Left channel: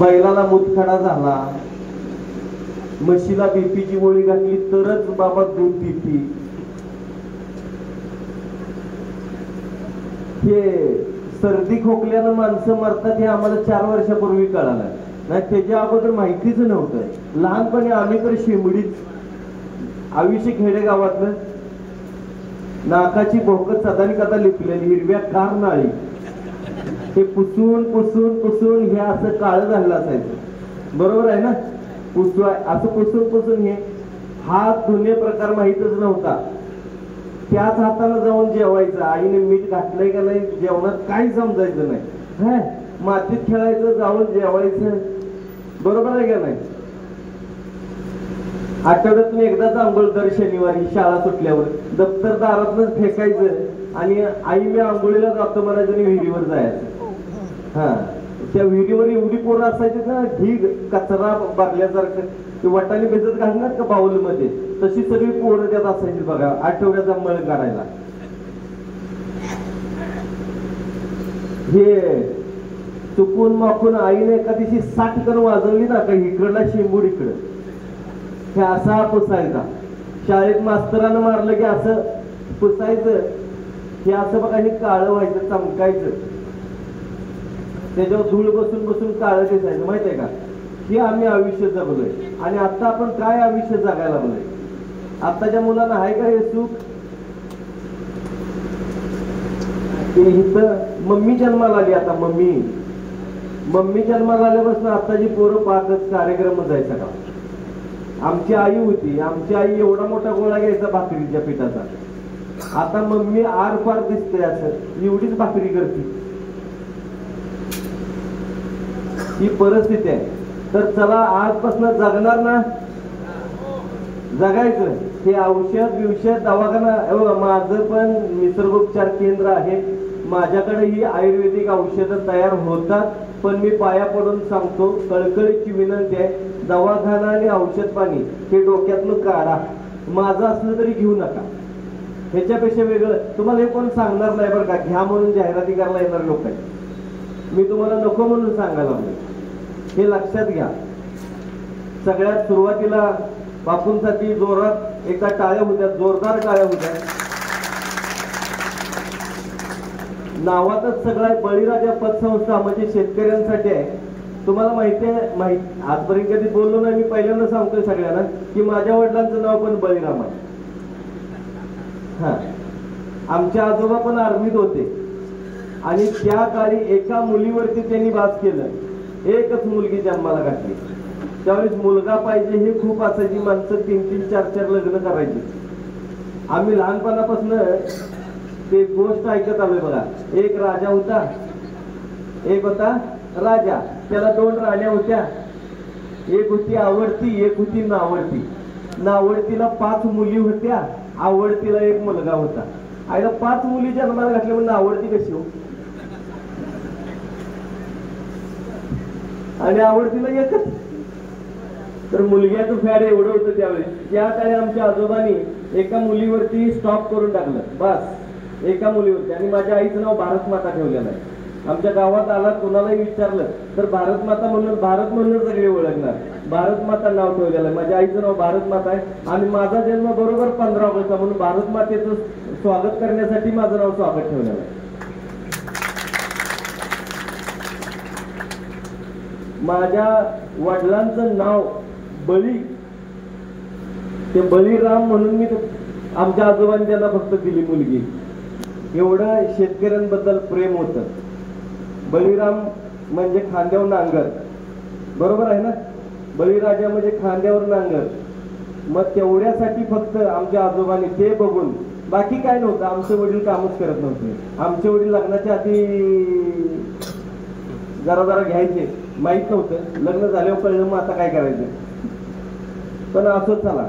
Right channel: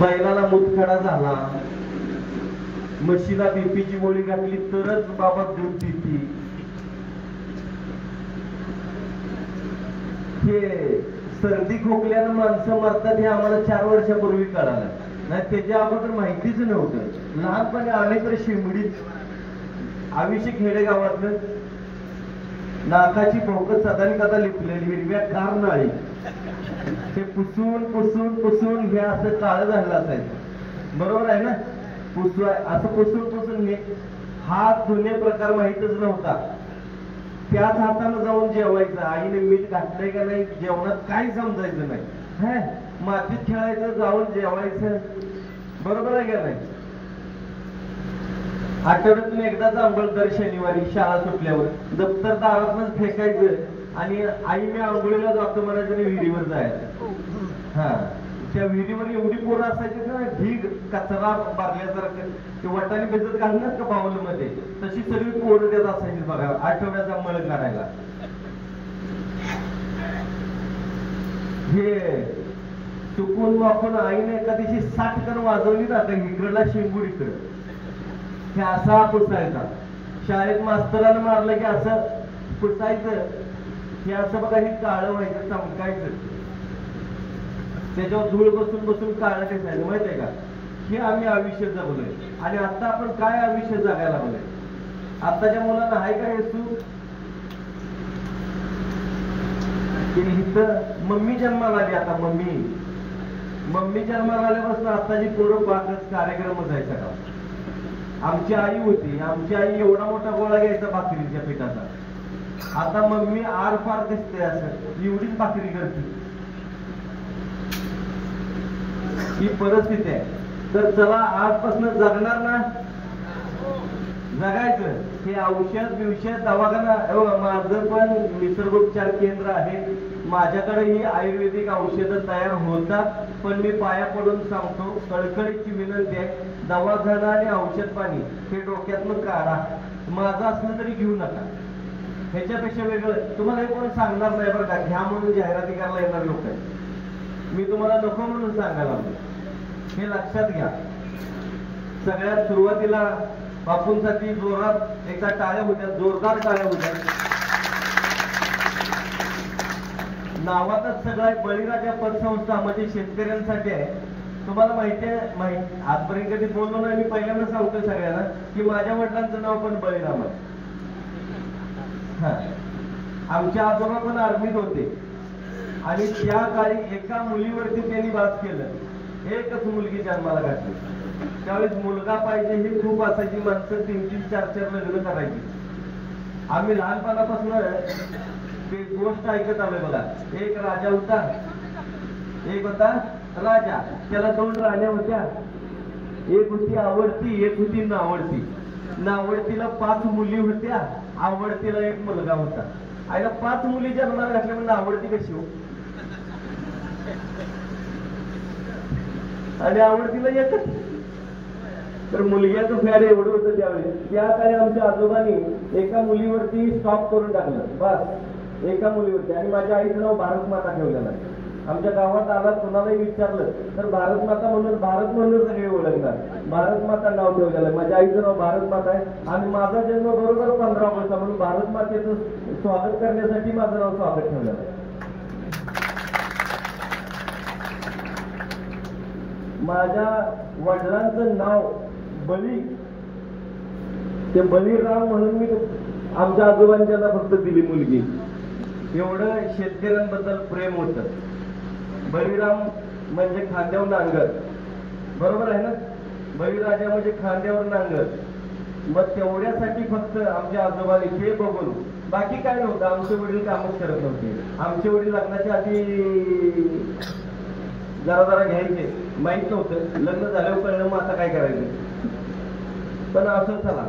बैलाला मुतखडा झाला, म्हशीला बीपीची गोळी घातली तरच बाबा दूध देते. हे सर्दी खोकल्यानं माणसं मरतात हे आम्हाला 4 वर्षापूर्वी कळालं. नाही त्याच्या अगोदर माहितीच नव्हतं. लहानपणी आम्ही तर शिमडीच आयुष्य खेडेगावातलं नाकाची भोकत सदानी कथा लिपलेली हिरव्या कार नाळी ते पुसून पुसून पुसून हे असं काळ झालेलं असायचं. बरोबर आहे ना? असं पुसून पुसून हे हात धुणे प्रकार माहितच नव्हता. त्याच हाताने जाऊन जेवायचं. आईने मीठ घातलंय का नाही जेवणात काही समजायचं नाही. मातीत खेळायचं जाऊन जेवायचं. बरोबर आहे का नाही? आठवड्यातून एकदाच आंघोळ दर शनिवारी शाळा सुटल्यावर दप्तर दारातच फेकायचं आणि आई मी आंघोळीला जातो म्हणायचं आणि विहिरीवर जायचं. त्या विहिरीवर एवढी पोरं असायची ना ढीग कचरा भरल्यासारखं ते वाटाणे भिजत घालणार का बाउल मध्ये तशी सगळी पोरं त्यात असायची बघा आठवड्याचा मळ काढायला. हे चुकून माकून आईने एखादीशी 60 कण वाजवली ना का इकडला शिंबूड इकडं हे असा पुसायचा. शाळेत मास्तरानं मारलं की असं पुसायचं. हे असं बघा हे काळं व्हायचं चमकायचं. त्याच्यावर धूळ बसून बसून काळं दिसायचं. माहित आहे का? हे आम्ही आयुष्य जगलोय. आणि आता आपण काय आयुष्य जगायला लागलोय? आताच्या मुलांना आहे का हे सुख? इथं मम्मी जन्माला आली. आता मम्मी जन्माला आल्यापासून आताची पोरं पाकच कार्यक्रम जायचा का? आमची आई होती. आमची आई एवढा मोठा गोळा घ्यायचा भाकरीच्या पिठाचा. आता मम्मी आर पार दिसते असं एवढीच भाकरी करते. ही परिस्थिती आहे. तर चला आजपासून जगणार ना जगायचं. हे औषध दवाखाना माझं पण निसर्गोपचार केंद्र आहे. माझ्याकडे ही आयुर्वेदिक औषधं तयार होतात. पण मी पाया पडून सांगतो कळकळीची विनंती आहे दवाखाना आणि औषध पाणी हे डोक्यातनं काढा. माझं असलं तरी घेऊ नका. ह्याच्यापेक्षा वेगळं तुम्हाला हे कोण सांगणार नाही बरं का. घ्या म्हणून जाहिराती करायला येणार लोक आहेत. मी तुम्हाला नको म्हणून सांगायला लागलो. हे लक्षात घ्या. सगळ्यात सुरुवातीला बापूंसाठी जोरात एका टाळ्या होत्या. जोरदार टाळ्या होत्या. नावातच सगळा बळीराजा पतसंस्था म्हणजे शेतकऱ्यांसाठी आहे. तुम्हाला माहिती आहे आजपर्यंत कधी बोललो नाही. मी पहिल्यांदा सांगतोय सगळ्यांना की माझ्या वडिलांचं नाव पण बळीराम आहे. आमच्या आजोबा पण आर्मीत होते आणि त्या काळी एका मुलीवरती त्यांनी वास केलं. एकच मुलगी जन्माला घातली. त्यावेळेस मुलगा पाहिजे हे खूप असायची. माणसं 3-3, 4-4 लग्न करायची. आम्ही लहानपणापासून ते गोष्ट ऐकत आलोय बघा. एक राजा होता. एक होता राजा. त्याला 2 राण्या होत्या. एक होती आवडती एक होती नावडती. नावडतीला 5 मुली होत्या. आवडतीला 1 मुलगा होता. आईला 5 मुली जन्माला घातल्या म्हणजे आवडती कशी हो? आणि आवडतीला एकच. तर मुलग्याचं फॅड एवढं होतं त्यावेळेस. त्या काळी आमच्या आजोबांनी एका मुलीवरती स्टॉप करून टाकलं. बस एका मुलीवरती. आणि माझ्या आईचं नाव भारत माता ठेवलेलं आहे. आमच्या गावात आला कोणालाही विचारलं तर भारत माता म्हणून भारत म्हणून सगळे ओळखणार. भारत माता नाव ठेवलेलं आहे. माझ्या आईचं नाव भारत माता आहे. आणि माझा जन्म बरोबर 15 वर्षा म्हणून भारत मातेचं स्वागत करण्यासाठी माझं नाव स्वागत ठेवलेलं आहे. माझ्या वडिलांचं नाव बळी. ते बळीराम म्हणून मी आमच्या आजोबांच्याला फक्त दिली मुलगी. एवढं शेतकऱ्यांबद्दल प्रेम होतं. बळीराम म्हणजे खांद्यावर नांगर. बरोबर आहे ना? बळीराजा म्हणजे खांद्यावर नांगर. मग तेवढ्यासाठी फक्त आमच्या आजोबांनी ते बघून बाकी काय नव्हतं. आमचे वडील कामच करत नव्हते. आमचे वडील लग्नाच्या आधी जरा घ्यायचे. माहित नव्हतं. लग्न झाल्यावर कळलं मग आता काय करायचं. पण असं चला.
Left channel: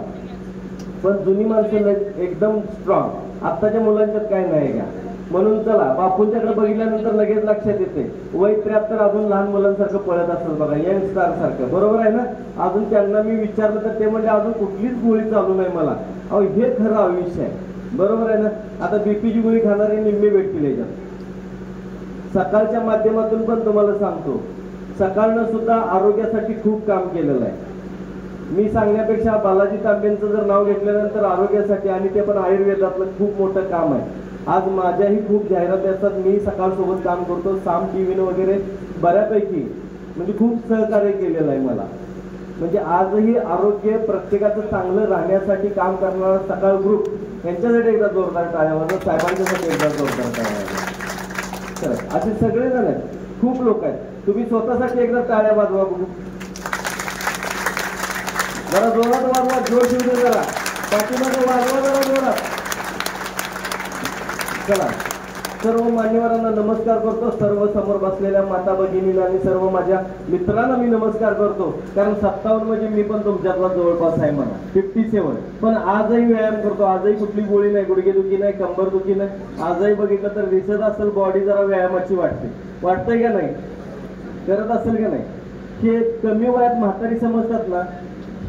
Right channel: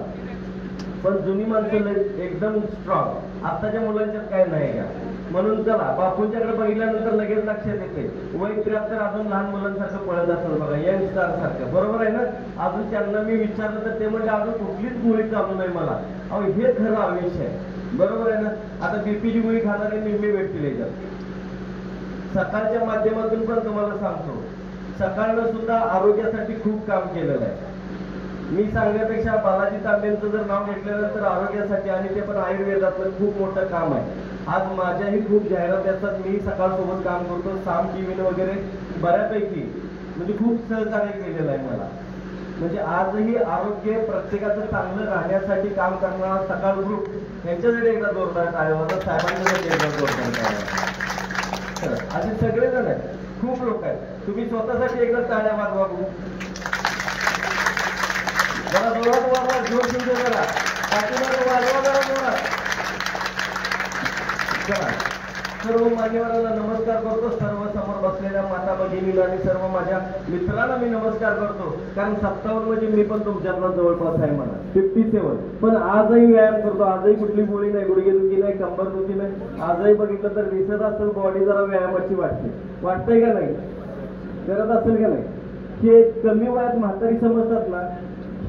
पण जुनी माणसं एकदम स्ट्रॉंग. आताच्या मुलांच्यात काय नाही का. म्हणून चला बापूंच्याकडे बघितल्यानंतर लगेच लक्षात येते वय 73 अजून लहान मुलांसारखं पळत असतं बघा. यंग स्टार सारखं. बरोबर आहे ना? अजून त्यांना मी विचारलं तर ते म्हणजे अजून कुठलीच गोळी चालू नाही मला. अहो हे खरं आयुष्य आहे. बरोबर आहे ना? आता बीपीची गोळी खाणारे निम्मे भेटतील याच्यात. सकाळच्या माध्यमातून पण तुम्हाला सांगतो सकाळनं सुद्धा आरोग्यासाठी खूप काम केलेलं आहे. मी सांगण्यापेक्षा बालाजी तांबेंचं जर नाव घेतल्यानंतर आरोग्यासाठी, आणि ते पण आयुर्वेदातलं खूप मोठं काम आहे. आज माझ्याही खूप जाहिराती असतात, मी सकाळसोबत काम करतो. साम टीव्ही वगैरे बऱ्यापैकी म्हणजे खूप सहकार्य केलेलं आहे मला. म्हणजे आजही आरोग्य प्रत्येकाचं चांगलं राहण्यासाठी काम करणारा सकाळ ग्रुप यांच्यासाठी एकदा जोरदार टाळ्या वाजवा, साहेबांच्यासाठी एकदा जोरदार टाळ्या वाजवा. असे सगळेजण आहेत, खूप लोक आहेत. तुम्ही स्वतःसाठी एकदा टाळ्या वाजवा बघू. जरा जोरात वाजवा, जोर शिंदे जरा पाठीमागे वाजवा. चला, सर्व मान्यवरांना नमस्कार करतो. सर्व समोर बसलेल्या माता भगिनीला आणि सर्व माझ्या मित्रांना मी नमस्कार करतो. कारण 57 म्हणजे मी पण तुमच्यातला जवळपास आहे. मला 57, पण आजही व्यायाम करतो. आजही कुठली गोळी नाही, गुडघेदुखी नाही, कंबरदुखी नाही. आजही बघितलं तर दिसत असेल बॉडी जरा व्यायामाची वाटतंय का नाही? करत असेल का नाही? की कमी वयात म्हातारी समजतात ना,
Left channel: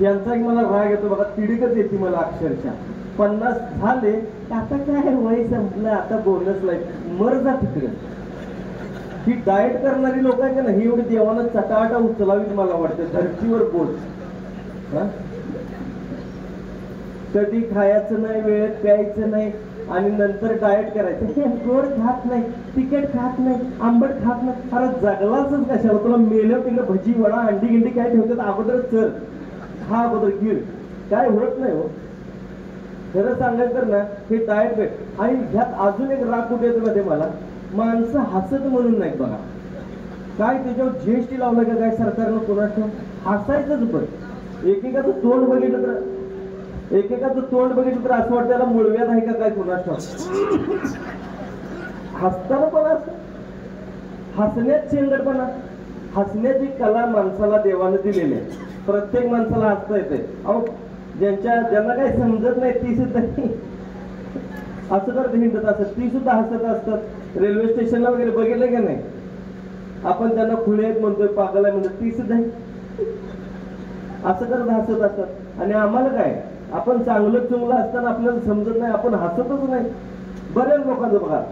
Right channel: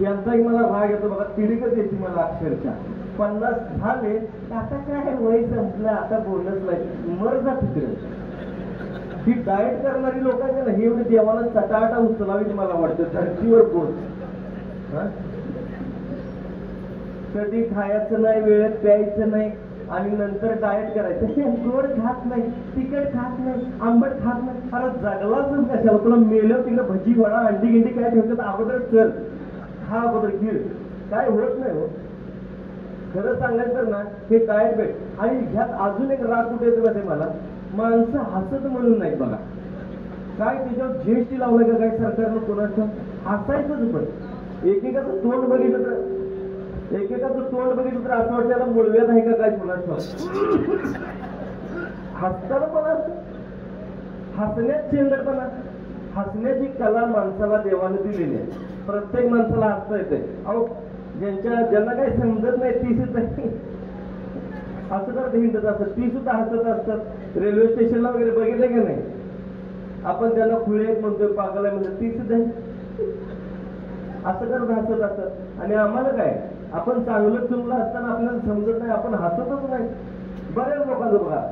यांचाही मला राग येतो बघा. तिडीकच येते मला अक्षरशः. 50 झाले आता काय वय संपलं, आता बोलच नाही, मर जा तिकडे. ही डाएट करणारी लोक आहेत ना, ही एवढी देवाला चटाटा उचलावी मला वाटतं धरतीवर बोल. कधी खायचं नाही, वेळेत प्यायचं नाही, आणि नंतर डाएट करायचं. गोड खात नाही, तिखट खात नाही, आंबट खात नाही. परत जगलाच कशाला? तुला मेलं तिला भजी वडा अंडी गिंडी काय ठेवतात अगोदर चल खा, अगोदर गिर. काय होत नाही हो. खरं सांगायचं तर ना, हे डाएट वेळ. आणि ह्यात अजून एक राग कुठे येतो मध्ये मला, माणसं हसत म्हणून नाही बघा. काय त्याच्यावर जीएसटी लावलाय का काय सरकारनं कोणाचं? हसायचंच. पण एकेकाचं तोंड बघितलं तर असं वाटतं त्याला मुळव्यात आहे का काय कोणाचं. हसताना पण असं हसण्यात चिंगडपणा. हसण्याची कला माणसाला देवानं दिलेली आहे. प्रत्येक माणसाला हसता येते. अहो, ज्यांना काही समजत नाही ती सुद्धा हसत हिंडत असतात, ती सुद्धा हसत असतात. रेल्वे स्टेशनला वगैरे बघितलं का नाही, आपण त्यांना खुले म्हणतोय, पागल आहे म्हणतो, ती सुद्धा असं करत हसत असतात. आणि आम्हाला काय, आपण चांगलं चुंगलं असताना आपल्याला समजत नाही, आपण हसतच नाही. बऱ्याच लोकांचं बघा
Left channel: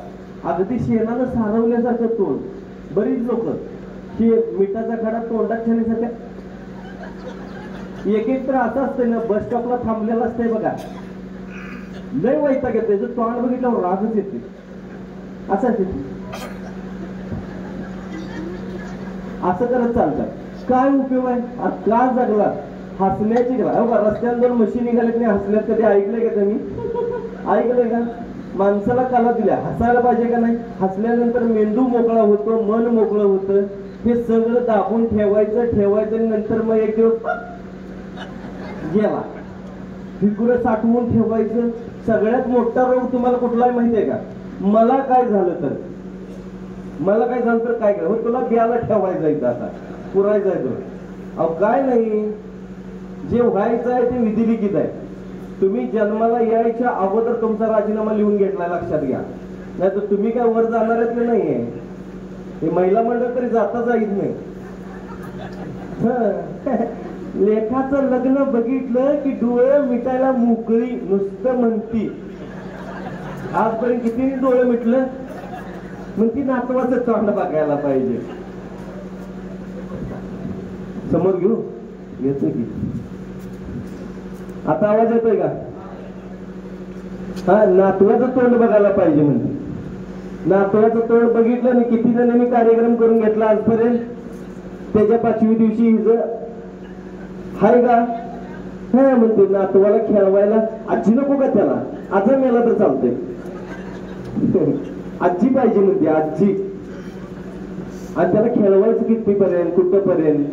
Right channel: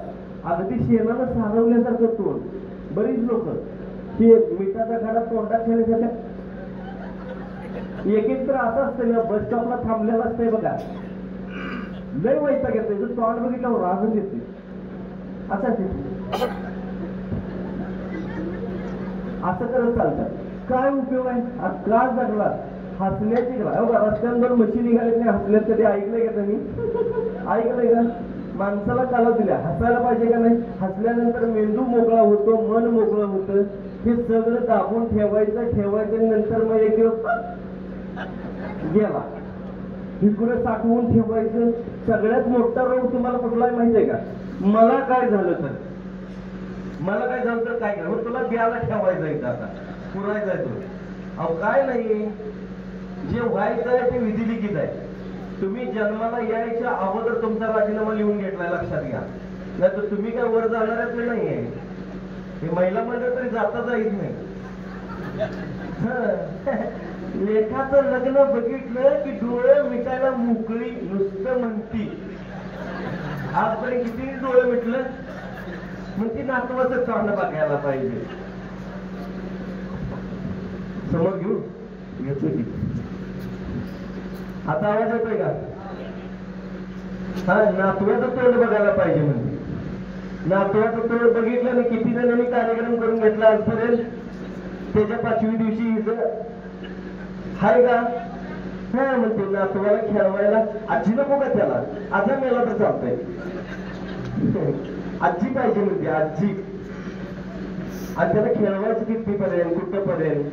अगदी शेणानं सारवल्यासारखं तोंड. बरीच लोक की मिठाचा खडा तोंडात ठेवण्यासारख्या. एक तर असं असतं ना, बस स्टॉपला थांबलेलं असतंय बघा, लय वैताग येते, जर तोंड बघितल्यावर रागच येते. असं करत चालतंय. काय उपयोग आहे? का जगला? हसण्याची कला. रस्त्यावर मशीन निघाले नाही, हसण्यात कधी ऐकलंय का तुम्ही? ऐकलंय का? माणसाला कला दिल्या, हसायला पाहिजे का नाही? हसल्यानंतर मेंदू मोकळा होतो, मन मोकळं होतं. हे सगळं दाबून ठेवायचं नंतर मग एक दिवस गेला. फिकुरं साठवून ठेवायचं. सगळ्यात मोठा रोग तुम्हाला कुठलाही माहिती आहे का? मला काय झालं तर काय करा, तुला बियाला ठेवायचं आहे, आता पुरायचं आहे तो. अहो काय नाही, जे व्हायचं आहे ते विधिलिखित आहे. तुम्ही जन्माला यायच्या अगोदर तुमचा राजीनामा लिहून घेतलाय, लक्षात घ्या. नाही तर तुम्ही काय वर जाणारच नाहीये. हे महिला मंडळ तरी जाता येत नाही. लेखाचं लग्न बघितलं की डोळे मिटायला मोकळी नुसतं म्हणती. आजपर्यंत किती डोळे मिटलं मग ती नातवाचं तोंड बघायला पाहिजे. समोर घेऊ येतो की आता आवाज येतोय का? हा, नातवाचं तोंड बघायला पाहिजे म्हणते. नातवाचं तोंड बघितलं नाही. किती जणांनी कार्यक्रम करून घेतला आजपर्यंत. त्याच्या 5वी दिवशी हिज हाय का हा म्हणते, नातवाला खेळवायला आजी नको का त्याला? आजा मेला तर चालतंय, आजी पाहिजे म्हणते, आजी. आणि त्याला खेळवायचं कितीपर्यंत, कुठपर्यंत?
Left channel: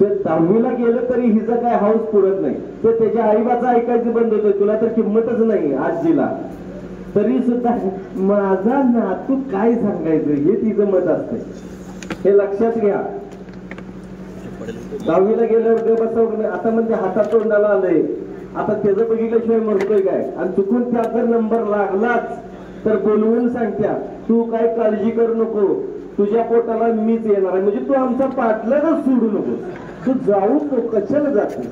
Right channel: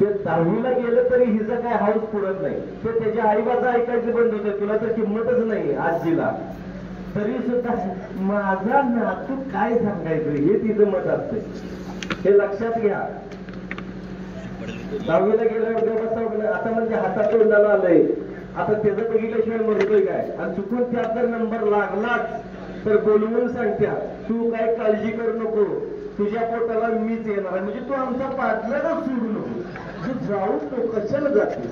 ते 10वीला गेलं तरी हिचं काय हाऊस पुरत नाही. ते त्याच्या आईबाचं ऐकायचं बंद होतं. तुला तर किंमतच नाही आजीला. तरी सुद्धा माझा नातू काय सांगायचं हे तिचं मत असतं. हे लक्षात घ्या. 10वीला गेल्यावर ते बसवलं, आता म्हणजे हातात तोंडाला आलंय. आता त्याचं बघितल्याशिवाय म्हणतोय काय? आणि चुकून त्याचा नंबर लागलाच तर बोलवून सांगत्या, तू काय काळजी करू नको, तुझ्या पोटाला मीच येणार. म्हणजे तू आमचा पाटलाच सोडू नको, तू जाऊ नको, कशाला जाते?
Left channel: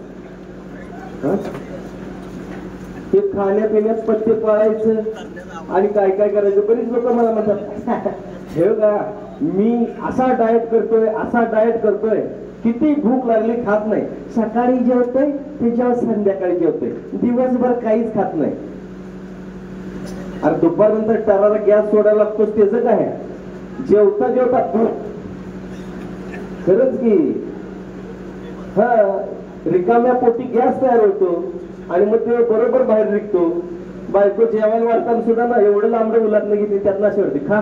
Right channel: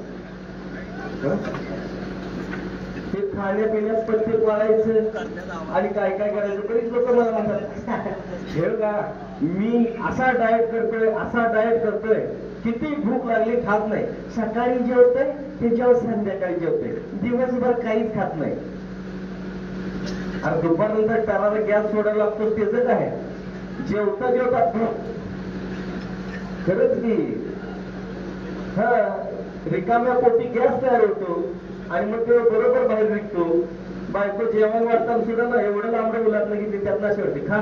ते खाण्यापिण्यात पथ्य पाळायचं आणि काय काय करायचं. बरीच लोक मला म्हणतात, हे का मी असा डाएट करतोय, किती भूक लागली खात नाही, सकाळी जेवतोय त्याच्यावर संध्याकाळी जेवतोय, दिवसभर काहीच खात नाही. अरे दुपारनंतर टराला गॅस सोडायला लागतो, त्याचं काय? जेवता खरंच की हा रिकाम्या पोटी गॅस तयार होतो आणि मग ते बरोबर बाहेर निघतो. बायको जेवायला वाटताना सुद्धा ना एवढं लांब उलाटलं की त्यातनं अशी वाटते खा,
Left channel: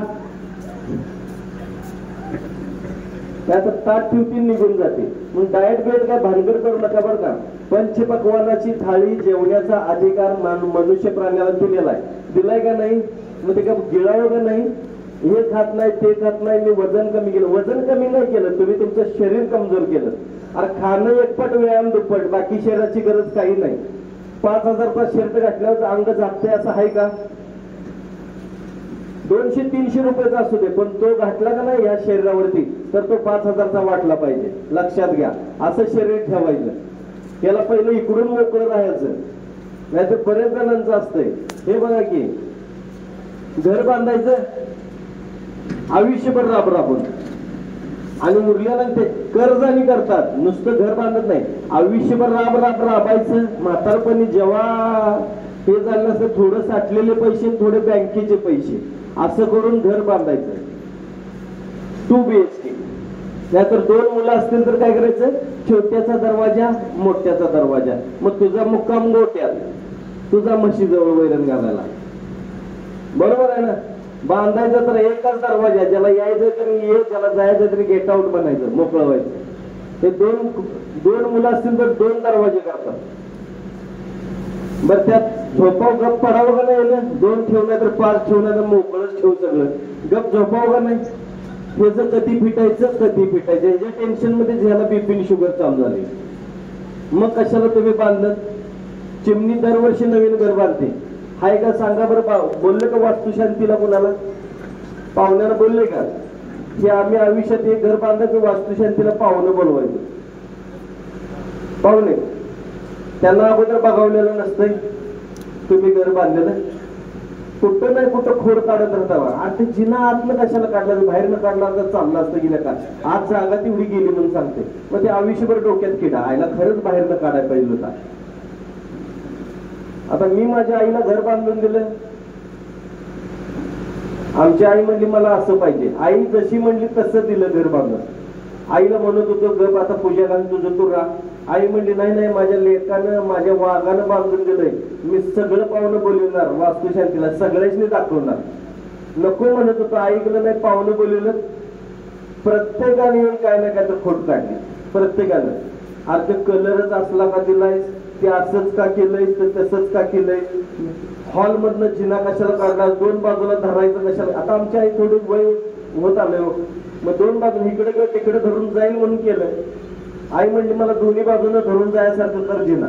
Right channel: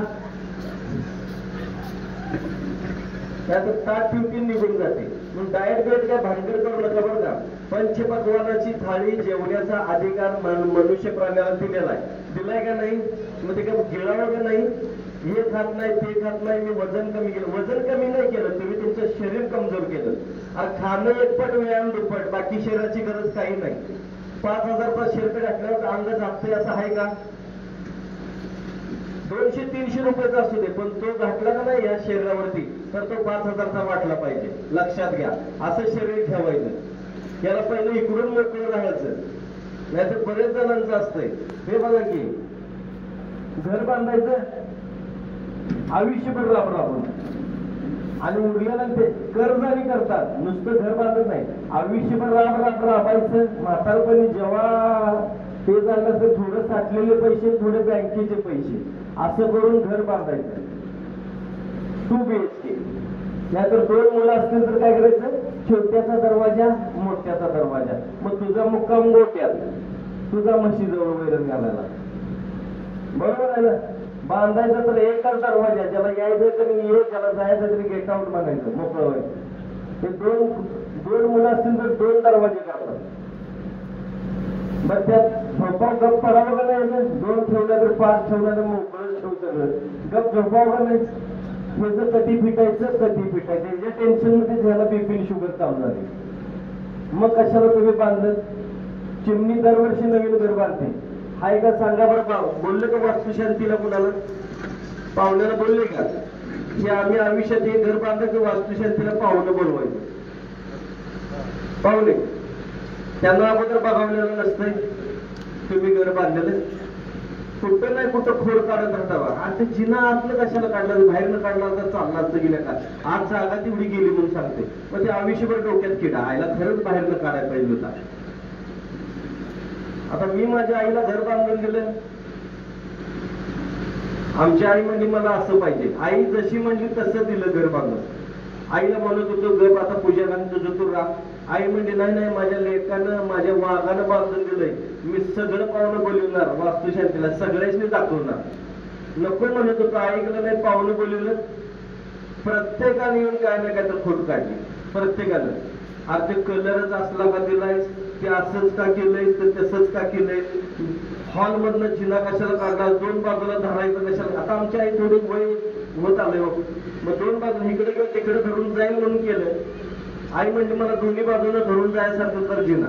त्याचं ताट ठेवतील निघून जाते. मग डाएट बेट काय भानगड करू नका बरं का. पंचपक्वानाची थाळी जेवण्याचा अधिकार मनुष्य प्राण्याला दिलेला आहे. दिलाय का नाही? मग ते का गिळावं का नाही? हे खात नाही ते खात नाही, मी वजन कमी केलं. वजन कमी नाही केलं, तुम्ही तुमचं शरीर कमजोर केलं. अरे खाणं एकपट व्यायाम दुप्पट, बाकी शरीराची गरज काही नाही. 5,000 शर्ट घातल्यावर अंग झाकतंय असं आहे का? 200-300 रुपयाचा असू दे, पण तो घातला का नाही या शरीरावरती तर तो 5,000चा वाटला पाहिजे. लक्षात घ्या, असं शरीर ठेवायचं. त्याला पहिलं इकडून मोकळं राहायचं, नाहीतर बरेच जणांचं असतंय. हे बघा की घर बांधायचं आयुष्यभर राबून आणि उरल्यानंतर कर्जानी करतात, नुसतं घर बांधत नाही, आयुष्यभर राबायचं. म्हातारपणी जेव्हा हे झालं असं थोडं साठलेले पैसे, थोडे बँकेचे पैसे, असं करून घर बांधायचं 2 BHK. नाहीतर 2 मुलं असतील तर काय करायचं? छोट्याचा दरवाजा, मोठ्याचा दरवाजा. मग तुझा मुक्काम गोट्यात, तुझा म्हशीजवळ वैरण घालायला. बरोबर आहे ना? बांधायचा तर एकच दरवाजा, ज्याला यायचं तरी ये, ज्याला जायचं तरी गेट आउट बनायचं, मोकळं व्हायचं. ते दोन मुलं असतील तर 2 दरवाजे करतात. बरं त्यात झोपाव गप पडावं का नाही? 2 ठेवलं तर 5 ठेवलं तर मोकळंच ठेव सगळं. गप झोपाव का नाही? त्याचं कधी फिटायचं ह्याच्या टेन्शन मध्ये ज्याला बीपी शुगर चालू झाली. मग कशाला तुम्ही बांधलं? चिमणी दरवर्षी नवीन घर बांधते, हाय का? सांगा बरं. बोलले का वास्तुशांतीला कोणाला? पाहुण्याला बोलले का की आम्ही आयुष्यात हे घर बांधलं की वास्तुशांतीला पाहुणे बोलवायचे? पाहुणे त्यांना अगोदर बघावलेलं नसतंय तुम्ही घर बांधलेलं. कुठं नाही कुठं खोड काढत राहता. आणि ते जिना आतलं कशाला काढलं? बाहेरनं काढला तर चाललं असतं गेलं का? आज जागा तेवढी गेली म्हणून सांगते. मग ते आयुष्यभर डोक्यात किडा आयला खरंच बाहेरनं काढायला पाहिजे होता. आता मी माझ्या आईला घर बांधून दिलं. आमची आई म्हणली मला असं पाहिजे. आई जशी म्हणली तसं दिलं घर बांधून. आईला म्हणत होतं गप आता पूजा घालून तुझं तू राहा. आई म्हणली नाही, माझ्या लेकानं माझ्या वाघानं बांधून दिलंय, मी सगळं पाहुणं बोलवणार वास्तुशांतीला, सगळ्याच दाखवणार. नको म्हणत होतं, ऐकलं नाही, पाहुणं बोलवलं. प्रत्येकाने येऊन काय नाही काय तर खोट काढली. प्रत्येकानं अरे ते कलरच असला का दिलाय, ते असंच का केलंय, तर तसंच का केलंय, हॉल मधनं जिना कशाला काढला, 2 बाजूला धरायचं कशाला. आता आमच्या आई थोडी वय होत आलंय, मग 2 बाजू इकडे किंवा तिकडे धरून जाईल म्हणून केलं. आई म्हणजे मला दोन्ही बाजूने धरून जायसारखं तर जिना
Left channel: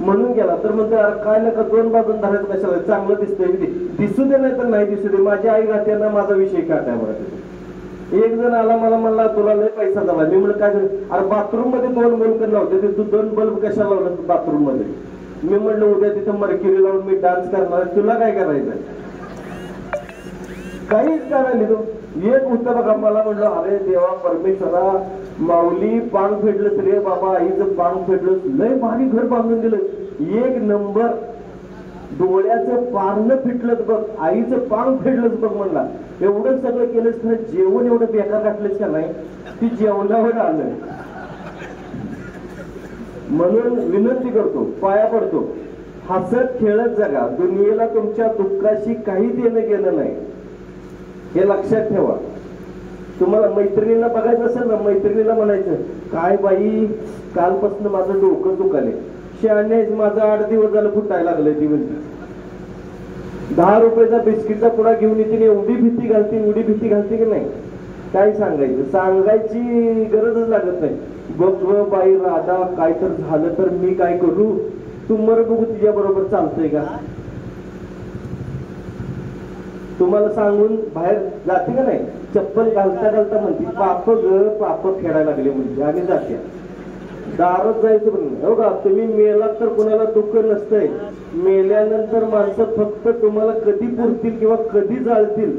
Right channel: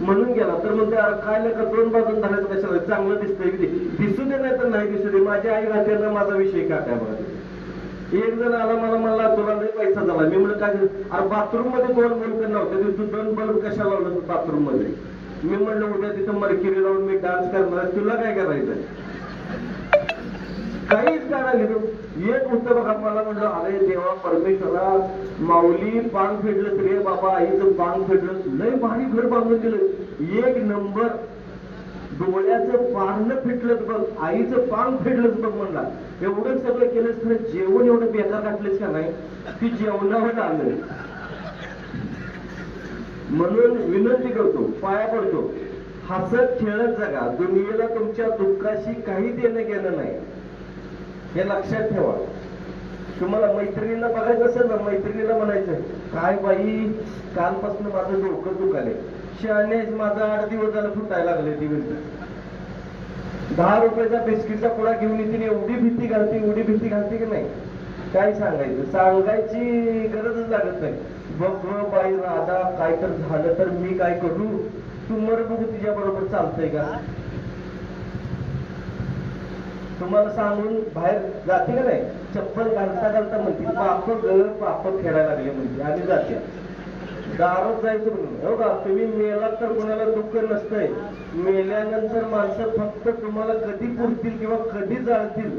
म्हणून गेला. तर म्हणते अरे काय नका 2 बाजून धरायचं कशाला, चांगलं दिसतंय, दिसू दे नाही तर नाही दिसू दे. माझ्या आई राहत्यांना माझा विषय काय काय बघा. एक जण आला मला म्हणला तुला लय पैसा झाला. मी म्हणलं काय? अरे बाथरूम मध्ये 2 बल्ब नव्हते, तू 2 बल्ब कशाला लावला बाथरूम मध्ये? मी म्हणलं उद्या तिथं मरकिरी लावून मी डान्स करणार, तुला काय करायचं? काहीच करायला एक होतं बघा. मला म्हणलं अरे देवा परमेश्वरा, माऊली पांग फेडलं रे बाबा, आईचं पांग फेडलं, लय भारी घर बांधून दिलं, 1 नंबर. डोळ्याचं पारणं फिटलंच बघ, आईचं पांग फेडलंच बघ. म्हणला एवढं सगळं केलंच तर जेवण एवढं बेकार टाकलेच का नाही? ती जेवणावर आलं. म्हणून विनंती करतो, पाया पडतो, हसत खेळत जगा. दुनियेला तुमच्या दुःखाशी काही देणं गेलं नाही, हे लक्षात ठेवा. तुम्हाला मैत्रिणीला बघायचं असेल ना, मैत्रिणीला म्हणायचं काय बाई कालपासून माझं डोकं दुखायलंय. शहाणे माझा 8 दिवस झालं फुटायला लागलंय. ती म्हणते 10 रुपयाचा बिस्किटचा पुडा घेऊन येते, एवढी भीती घालते की नाही काय सांगायचं. सांगायची गरजच लागत नाही. बघ बाई राधा, काय तर झालं तर मी काय करू? तू मर बघू तिच्या बरोबर चालतंय का? तुम्हाला सांगून बाहेर जाते का नाही, चप्पल घालता म्हणते पाप खेळायला लागले म्हणजे आणि जात्या. दारात जायचं म्हणून हो का? तुम्ही मेलात तर कोणाला दुःख नसतंय. मेल्यानंतर माणसं फक्त तुम्हाला कधी पुरतील किंवा कधी जाळतील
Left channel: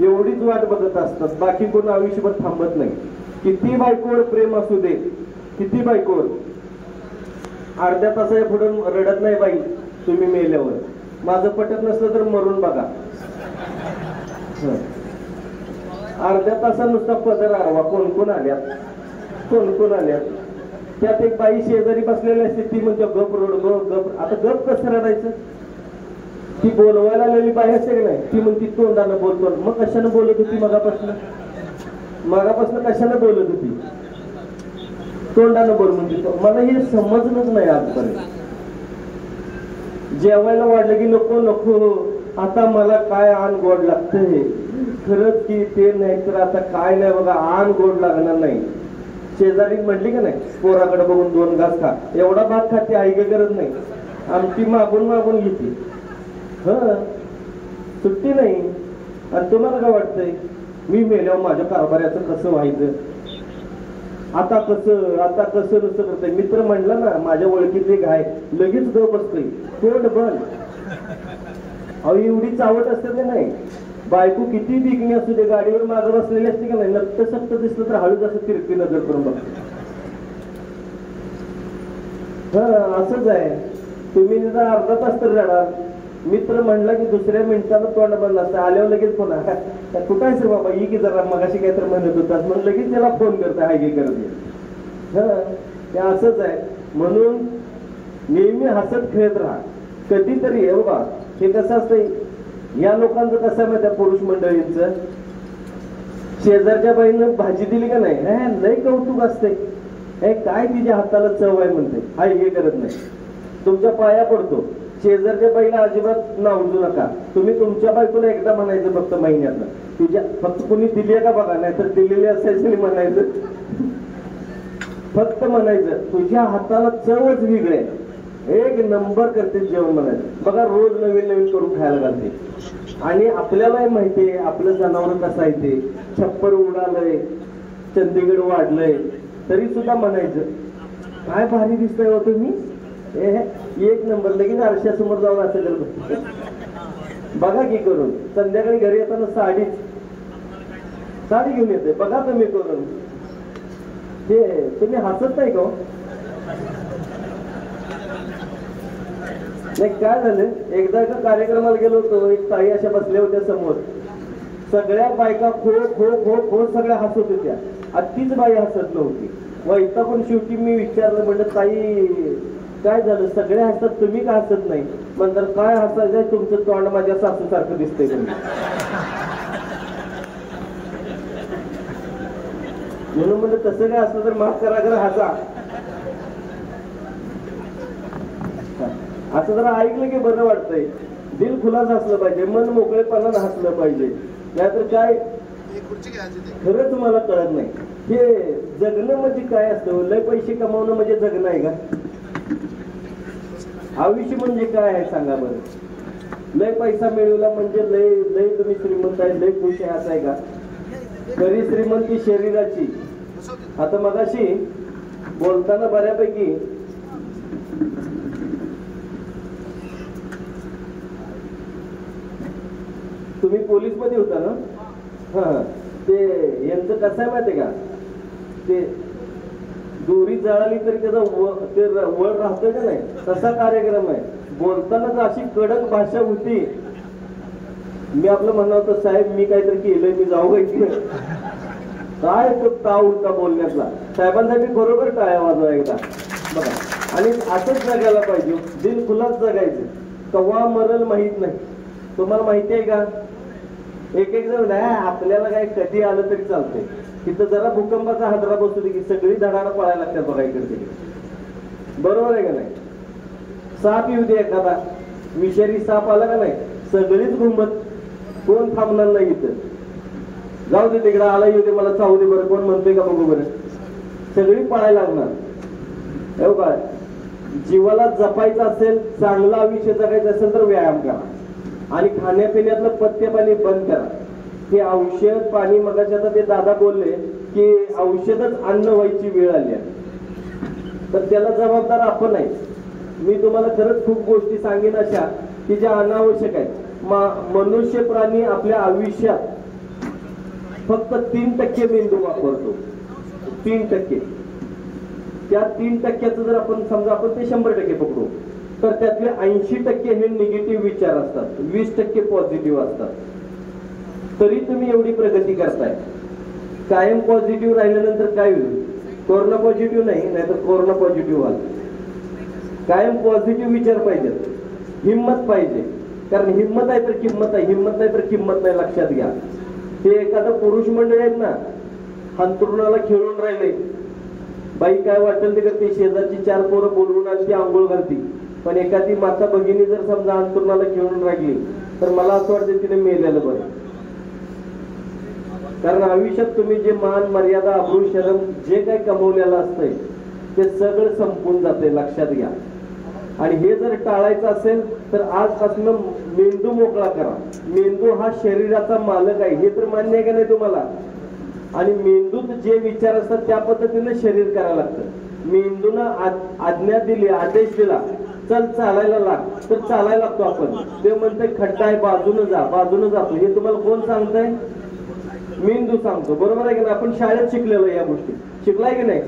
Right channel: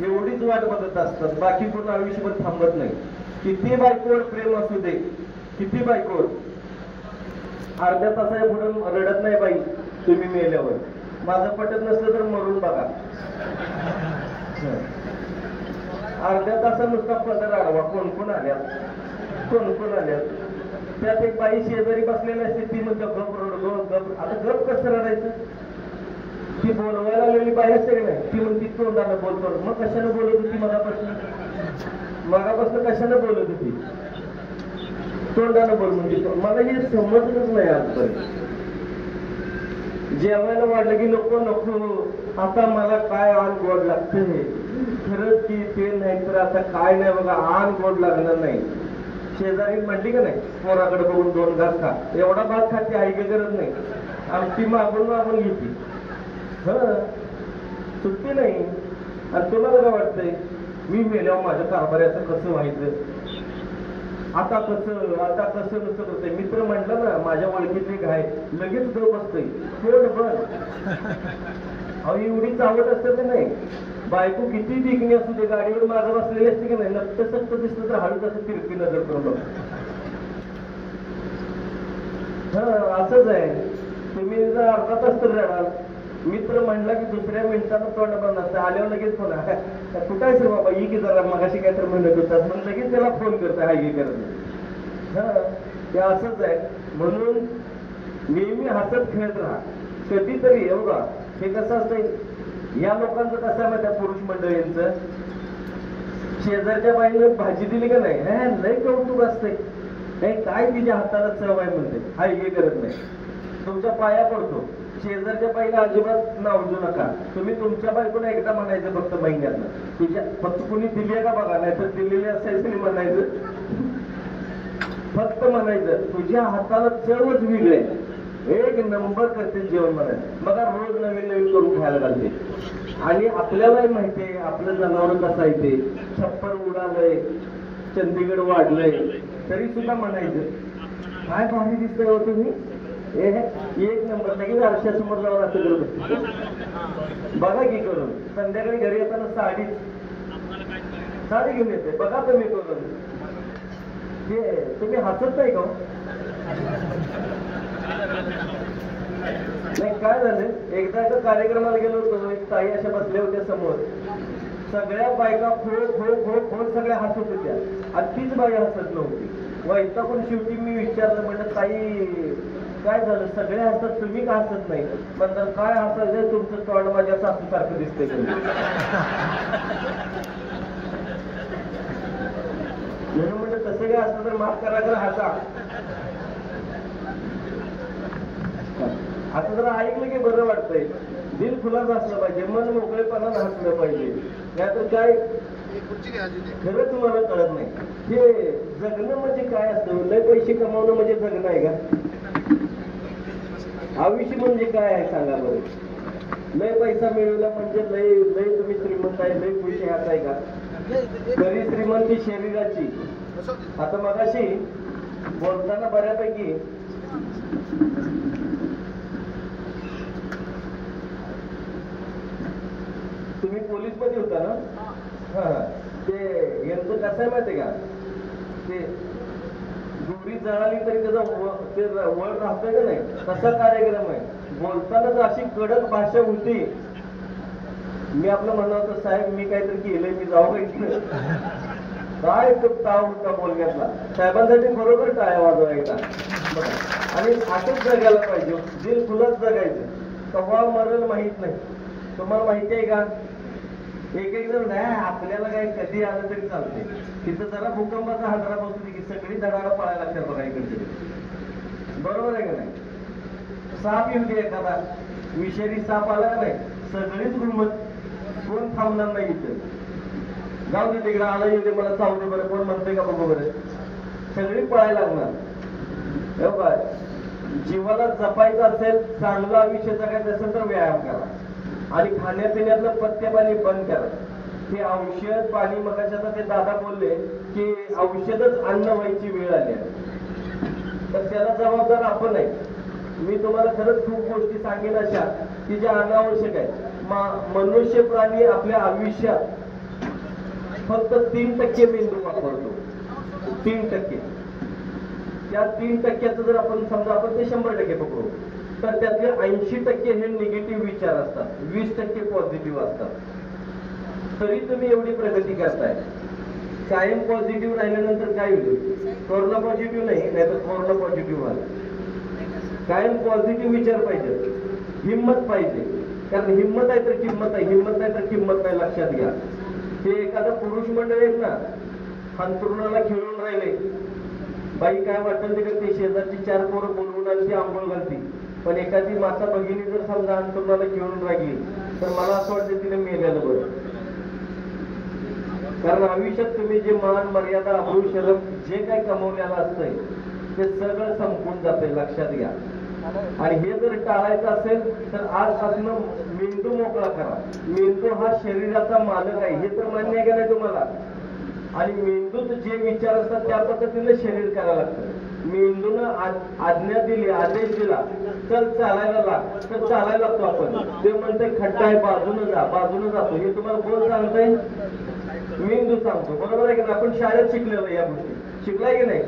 एवढीच वाट बघत असतात, बाकी कोण आयुष्यभर थांबत नाही. किती बायकोवर प्रेम असू दे, किती बायकोवर, अर्ध्या तासाच्या पुढे रडत नाही बाई तुम्ही मेल्यावर. माझं पटत नसलं तर मरून बघा. अर्ध्या तासा नुसता पदर आडवा, कोण कोण आल्यात, कोण कोण आल्यात. त्यात एक बाई शेजारी बसलेली असते, ती म्हणजे गप रडलो गप. आता गप कसं रडायचं, ती बोलवायला आलेली बाई असते की नाही, ती म्हणती तोंडानं बोलतो. मग कशानं बोलत होती मगापासून कशानं बोलत होती, तोंडानं बोल म्हणते. मला हे समजलंच नाही आजपर्यंत. जेवायला वाढलं की नको नको, आता मला काय आण गोड लागतंय. खरंच की ते नाही तर आता काय नाही बघा, आण गोड लागणार नाही. शेजारी म्हणली का नाही, पोराकडे बघून 2 घास खा, एवढा भात खाते आई काही करत नाही, आमची मागून मागून घेते. सुट्टी नाही. आणि तुम्हाला काय वाटतंय, मी मेल्यावर माझ्या कारभाऱ्याचं कसं व्हायचं, आता कसं नुसतं करतंय. मित्र म्हणला ना, माझ्या ओळखीतली गाय लगेच गप बसतंय, तोंड बंद. अहो एवढी चावट असते ते नाही. बायको किती दिगणी असू दे, गाडीवर मागे बसलेली असते की नाही, लपत सप्त दिसलं तर हळूच असं तिरकी नजर करून बघतो. असंच आहे. तुम्ही जर अर्धा तास तर रडाल, मित्र म्हणला की दुसऱ्या मिनिटानं तोंड बंद असतं. आल्यावर लगेच फोन, कुठं आहे सर बाबा, ही की जरा मगाशी काय तर म्हणत होतात, मग लगेच त्याला फोन करते, हाय की करते. हे असंच आहे. म्हणून नेहमी हसत खेळत राहा. कधीतरी बघा, हे कसं असतंय, या लोकांचं कसं आहे माहिती, पुरुष मंडळींचं, शेजारच्या बाईने भाजी दिली का नाही, लय कौतुक असतंय, काय तिच्या हाताला चव आहे म्हणते, हाय हे करत नाही. तुमच्या पाया पडतो, शेजारच्या बाईला अजिबात नावजू नका. तुम्ही तुमच्या बायकोला एकदा म्हणायचं फक्त महिन्यातलं, तुझ्या फक्त कोणी दिली आहे का बघा, नाही तर दिलेली असायचं म्हणायचं, फक्त म्हणायचं तुझ्या हाताला चवच वेगळी आहे, एक नंबर करते जेवण म्हणायचं. बघा रोज नवीन नवीन करून खायला लागते. आणि आपल्यालाही माहितीये आपलं जनावर कसं आहे ते, छप्पर उडालंय, चंदीगड वाढलंय, तरी सुद्धा म्हणायचं काय भारी दिसतंय हो तुम्ही, एक नंबर. लगेच आरशासमोर जाऊन असं करत बघा की करून. संध्याकाळी घरी येताना साडी घेऊन येते, बघा तुम्ही करून. हे तुम्ही हसत नाही का नाही. काय झालं, एकदा एका कार्यक्रमाला गेलो होतो, एक ताई अशा बसल्या होत्या समोर, सगळ्या बायका खो खो खो खो सगळ्या हसत होत्या, तीच बाई हसत नव्हती. वैतागून शेवटी मी विचारलं, म्हणलं ताई काय झालं, सगळे हसतात तुम्ही का हसत नाही. नंतर काय हसायचं, तुमचं तोंड माझ्या सासू सारखं दिसतंय तुम्ही. म्हणून म्हणजे तसं काय असलं तर माफ करा, जरा हसा. असं जरा ऐकलं की बरं वाटतंय. दिल खुलास असलं पाहिजे, मन मोकळेपणानं हसलं पाहिजे. नाहीतर काय खरं तुम्हाला कळत नाही. हे जगणं म्हणजे काय असतं, लय पैसे कमावणं म्हणजे जगणं आहे का? आयुष्य म्हणजे काय आहे सांगा बरं. लय पैसा मिळवला म्हणजे लय लय तुम्ही श्रीमंत आहे, लय खुश आहे असं आहे का? खरी श्रीमंती शरीराची. आता मगाशी बोलताना बऱ्यापैकी तुम्ही पोलीस मध्ये होता ना, ते यांचं कसं आहे माहितीये का, ते दोरी जळाली तरी त्याचं ते वर राहतोय का नाही, तसा कार्यक्रम आहे. बोलताना अशी कडक भाषा होती. मी आपलं म्हणलं होतं साहेब मी काहीतरी केलंय, मी जाऊ इथे. काय तो का उलटा बोलण्यातला, साहेबांसाठी बरोबर काय वाजवायला. आणि असंच जगायला पाहिजे, दिल खुलाच जगायचं. कव्हा मरल माहित नाही. तुम्हाला माहिती आहे का, एक एक जण आपल्याला काय कधी आलं तरी चालतंय, तिथं जरा भूकंपाचा हादरा बसू दे की सगळी धडाला पळायला लागतात बघा इकडे. बरोबर आहे का नाही? साप येऊ दे एखादा, विषारी साप आला का नाही, सगळीच घुमत, कोण थांबणार नाही इथं. जाऊ दे तिकडे आला येऊ दे, मला चावू दे बरं, कोण म्हणतोय का बघू बरं, सगळी पळायला लागणार. बघा, जीवाला जपायचं असेल, चांगलं आयुष्य जगायचं असेल तर व्यायाम करा आणि खाण्यापिण्यातलं पथ्य पाणी बंद करा. ते औषध पाणी, मगाशी आता ते दादा बोलले की औषधच अन्न व्हायची वेळ आली आहे, तर त्याला जबाबदार आपण आहे. मी तुम्हाला खरंच खूप गोष्टी सांगेन अशा की ज्या अनावश्यक आहेत. मनुष्य प्राणी आपल्या आयुष्यात फक्त 3% मेंदू वापरतो, 3%. त्या 3%चं जर आपण समजा आपण ते 100% पकडू, तर त्यातले 80% हे निगेटिव्ह विचार असतात, 20% पॉझिटिव्ह असतात. तरी तुम्ही एवढी प्रगती करताय. कायम पॉझिटिव्ह राहिल्यानंतर काय होईल? कोरोना पॉझिटिव्ह नाही, नाहीतर कोरोना पॉझिटिव्ह व्हाल. कायम पॉझिटिव्ह विचार पाहिजे, हिंमत पाहिजे. कारण हिंमत आहे तर किंमत आहे, हिंमत नाही तर किंमत नाही, लक्षात घ्या. ते एखादं पुरुष मंडळी आहेत ना, अंथरुणाला खेळून राहिले, बाई काय वाटेल ते करते, शेजारची 4 पोरं बोलवून आणि ती आंघोळ घालती. पण एखादी माता भगिनी जर समजा अंथरुणाला खेळून राहिली, तर मला असं वाटतं तिने मेलेलं बरं. कारण आयुष्यात तुम्ही जे मान मर्यादा अब्रू शरम जे काय कमवलेलं असतंय ते सगळं संपून जाते, लक्षात घ्या. आणि हे जर टाळायचं असेल तर आजपासून मेंदू मोकळा करा. मेंदू हा शरीराचा मालक आहे, हे तर मान्य आहे का नाही तुम्हाला? आणि मेंदूत जे विचार असतात त्या पद्धतीने शरीर करायला लागतं. मेंदूनं आज्ञा दिली, आदेश दिला, चल चालायला लाग, तर चालायला लागतो आपण. ते म्हणते खड्डा आहे, बाजूनं जा, बाजूनं जातो. हे तुम्हाला कोण सांगतंय? मेंदू सांगतो, बरोबर आहे की नाही? आपण शाळेत शिकलेलो या गोष्टी, शिकलाय की नाही?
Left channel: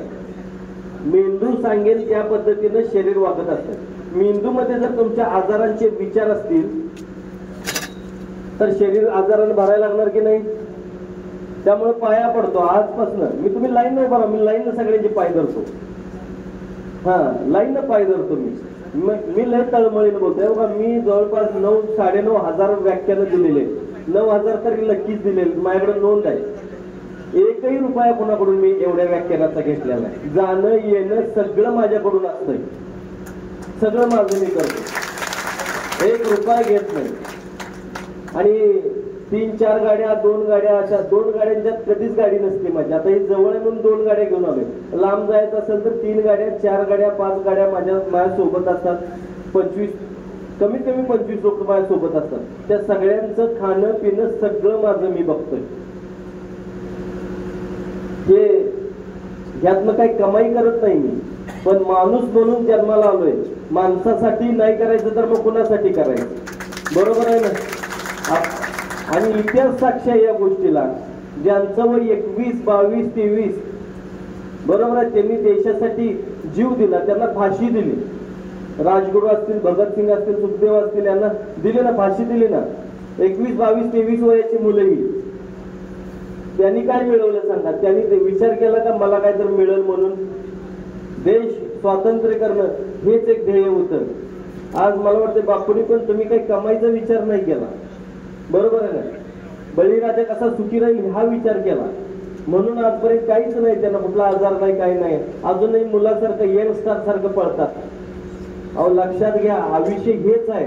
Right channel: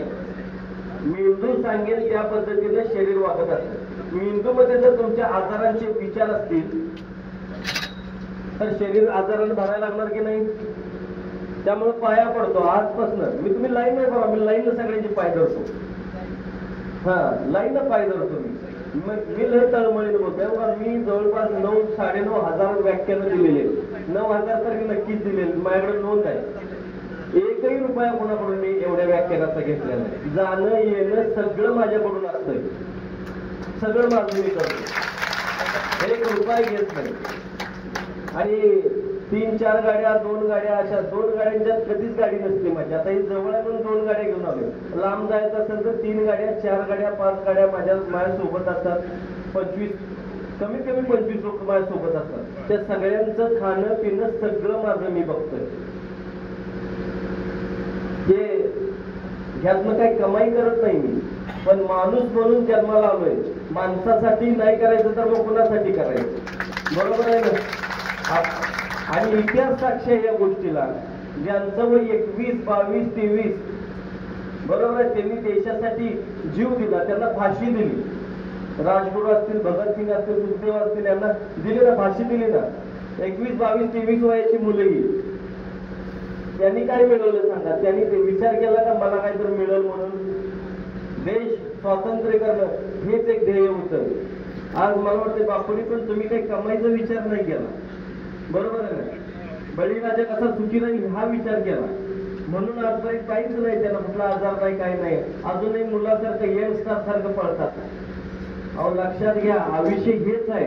मेंदू सांगेल त्या पद्धतीने शरीर वागत असतं. मेंदूमध्ये जर तुमच्या आजारांचे विचार असतील तर शरीर आजारानं भरायला लागणार की नाही? त्यामुळे पाया पडतो आजपासून. मी तुम्ही लाईन नाही बघा, मी लाईन सगळ्यांचे पाय धरतो. हा, लाईन पाय धरतो मी लय तळमळीनं बोलतोय बघा. मी जवळपास 9,500 व्याख्यानं दिलेले, 9,000 तरी नक्कीच दिलेले, माझ्याकडे नोंद आहे. एकही रुपया कोणाकडून मी एवढ्या व्याख्यानाचा घेतलेला, जाणं येणं सगळं माझ्याकडून असतं, सगळं माझं मी करतो, 1 रुपया घेत नाही. आणि 3-4 गाड्या, 2 गाड्या, अशा 2 गाड्यांच्यात कधीच गाडी नसते माझी. आता ही जवळ आहे म्हणून 2 गाड्या घेऊन आलो. लांब जायचं असेल तर 3 गाड्या, 4 गाड्या, 5 गाड्या माझ्या सोबत असतात. 25 कमीत कमी 25 लोक माझ्या सोबत असतात. त्या सगळ्यांचं खाणं पिणं सगळं माझं मी बघतोय. हे ह्यातनं काही कमाई करत नाही मी, पण माणूस म्हणून जन्माला आलोय. माणसासाठी नाही करायचं तर मग कुणासाठी करायचं? बरोबर आहे ना? आणि इतिहास साक्ष आहे या गोष्टीला. ज्यांचं वय 21, 22, 23 बरोबर आहे, त्यांनी देशासाठी जीव दिला, त्यांना फाशी दिली. राजगुरू असतील, भगतसिंग असतील, सुखदेव असतील, यांना दिली ना, फाशी दिली ना. 21, 22, 23 वयाची मुलंही. त्यांनी काय मिळवलं सांगा? त्यांनी विचार केला का मला काय तर मिळेल म्हणून? देश स्वातंत्र्य करणं हेच एक ध्येय होतं. आज मला वाटतं बापूंनी पण तुम्ही काही कमाईचा विचार नाही केला, बरोबर आहे ना? बळीराजा कसा सुखी राहील हा विचार केला, म्हणून आजपर्यंत काहीच नाही, त्यांना कुठला आजार नाही, काही नाही. अजूनही मुलासारखं यंगस्टार सारखं पळतात. अहो लक्षात घ्या, आयुष्य हेच आहे.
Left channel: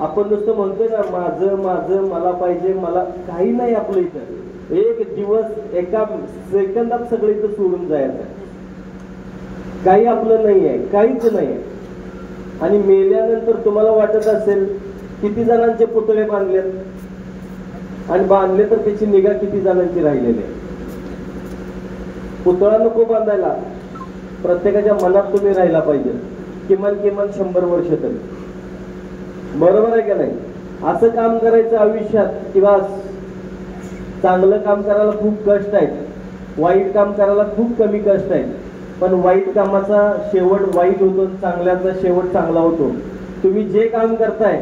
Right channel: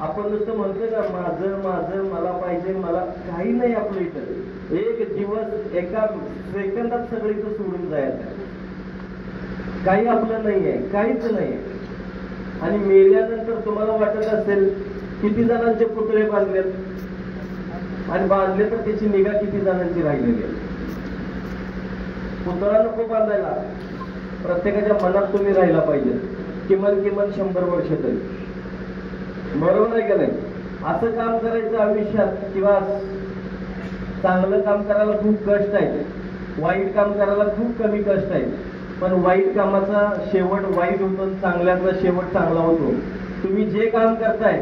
आपण नुसतं म्हणतो ना माझं माझं, मला पाहिजे, मला काही नाही आपलं इथं. एक दिवस एका सेकंदात सगळं इथं सोडून जायचं, काही आपलं नाही आहे, काहीच नाही. आणि मेल्यानंतर तुम्हाला वाटत असेल किती जणांचे पुतळे बांधलेत, आणि बांधले तर त्याची निगा किती जणांची राहिलेली. पुतळा नको बांधायला, प्रत्येकाच्या मनात तुम्ही राहिला पाहिजे, किमान 100 वर्ष तरी, बरोबर आहे का नाही? असं काम करायचं आयुष्यात. किंवा चांगलं काम करायला खूप कष्ट आहे, वाईट काम करायला खूप कमी कष्ट आहे. पण वाईट कामाचा शेवट वाईट होतो, चांगल्याचा शेवट चांगला होतो. तुम्ही जे काम करताय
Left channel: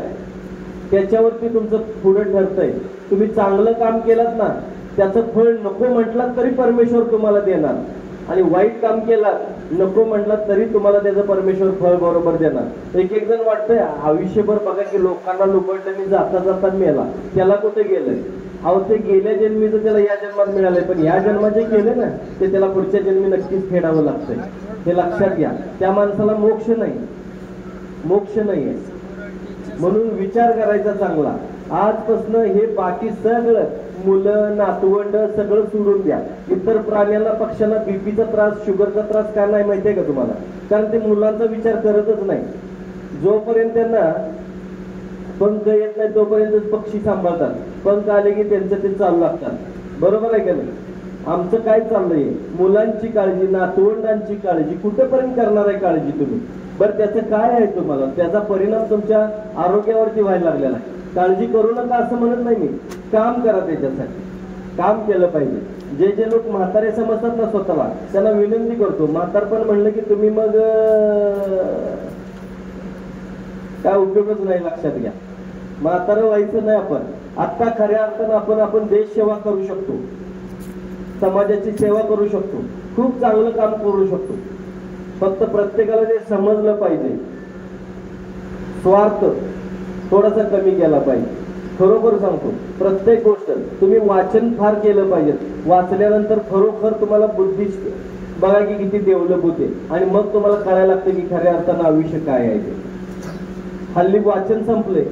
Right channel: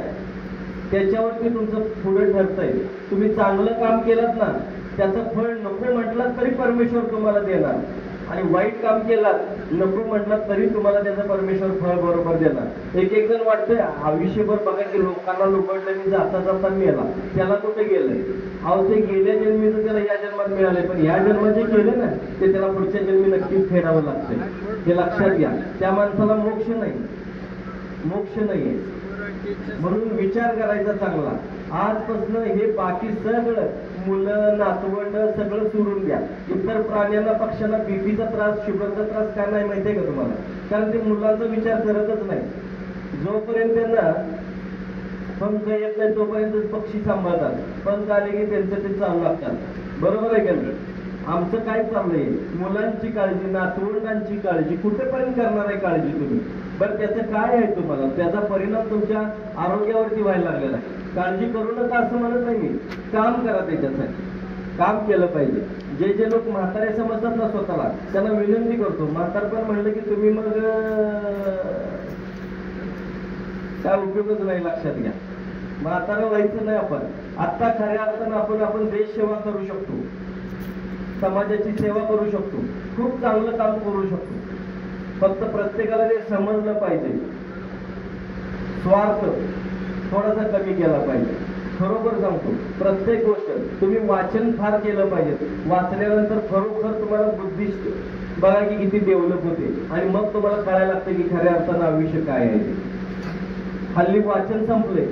त्याच्यावरती तुमचं पुढे ठरतंय. तुम्ही चांगलं काम केलं ना, त्याचं फळ नको म्हटलं तरी परमेश्वर तुम्हाला देणार, आणि वाईट काम केलात नको म्हटलं तरी तुम्हाला त्याचं परमेश्वर फळ बरोबर देणार. एक जण वाटतंय आयुष्यभर बघा की लोकांना लुबडलं, जाता जाता मेला, त्याला कुठे गेलंय? अहो ते गेल्या जन्मीचं त्याला या जन्मात मिळालंय, पण या जन्मात जे केलं ना ते त्याला पुढच्या जन्मी नक्कीच फेडावं लागतं. हे लक्षात घ्या. त्या माणसाला मोक्ष नाही, मोक्ष नाही. म्हणून विचार करायचा चांगला. आजपासून हे बाकी सगळं मुलं नातवंड सगळं सोडून द्या. इतर प्राण्यांना पक्ष्यांना बीपीचा त्रास, शुगरचा त्रास का नाही माहितीये का तुम्हाला? कारण ते मुलांचा विचार करतच नाही. जोपर्यंत त्यांना पंख येत नाही तोपर्यंत पक्षी सांभाळतात, पंख आले की त्यांचं ते चालू लागतात, बरोबर आहे का नाही? आमचं काय चाललंय? मुलांची काळजी, नातवंडांची काळजी, कुठेपर्यंत करणार आहे काळजी तुम्ही? बरं त्याचं काय आहे तुम्हाला? त्याचा परिणाम तुमच्या आरोग्यावरती व्हायला लागलेला आहे. काळजी करू नका असं म्हणत नाही मी, काम करा त्याच्यासाठी. काम केलं पाहिजे. जे जे लोक म्हातारे समजतात ना स्वतःला, त्यांना विनंती करतो, म्हातारपण म्हणलं की तुम्ही मग काय उपयोगच नाही. लक्षात घ्या, म्हातारं व्हायचं नाही आपण. आता खऱ्या अर्थानं आपण देश सेवा करू शकतो, समाजाची सेवा करू शकतो, खूप चांगलं काम करू शकतो. फक्त प्रत्येकाला ते समजलं पाहिजे. स्वार्थ थोडासा कमी केला पाहिजे. खरोखर सांगतो, प्रत्येक गोष्ट तुम्ही वाचन फार केलं पाहिजे. वाचल्यानंतर खरोखर तुम्हाला बुद्धिस्ट बघा की किती डेव्हलप होते, आणि मग तुम्हाला कळायला लागते की खऱ्या अर्थानं आयुष्य काय आहे. हल्ली वाचन संपले,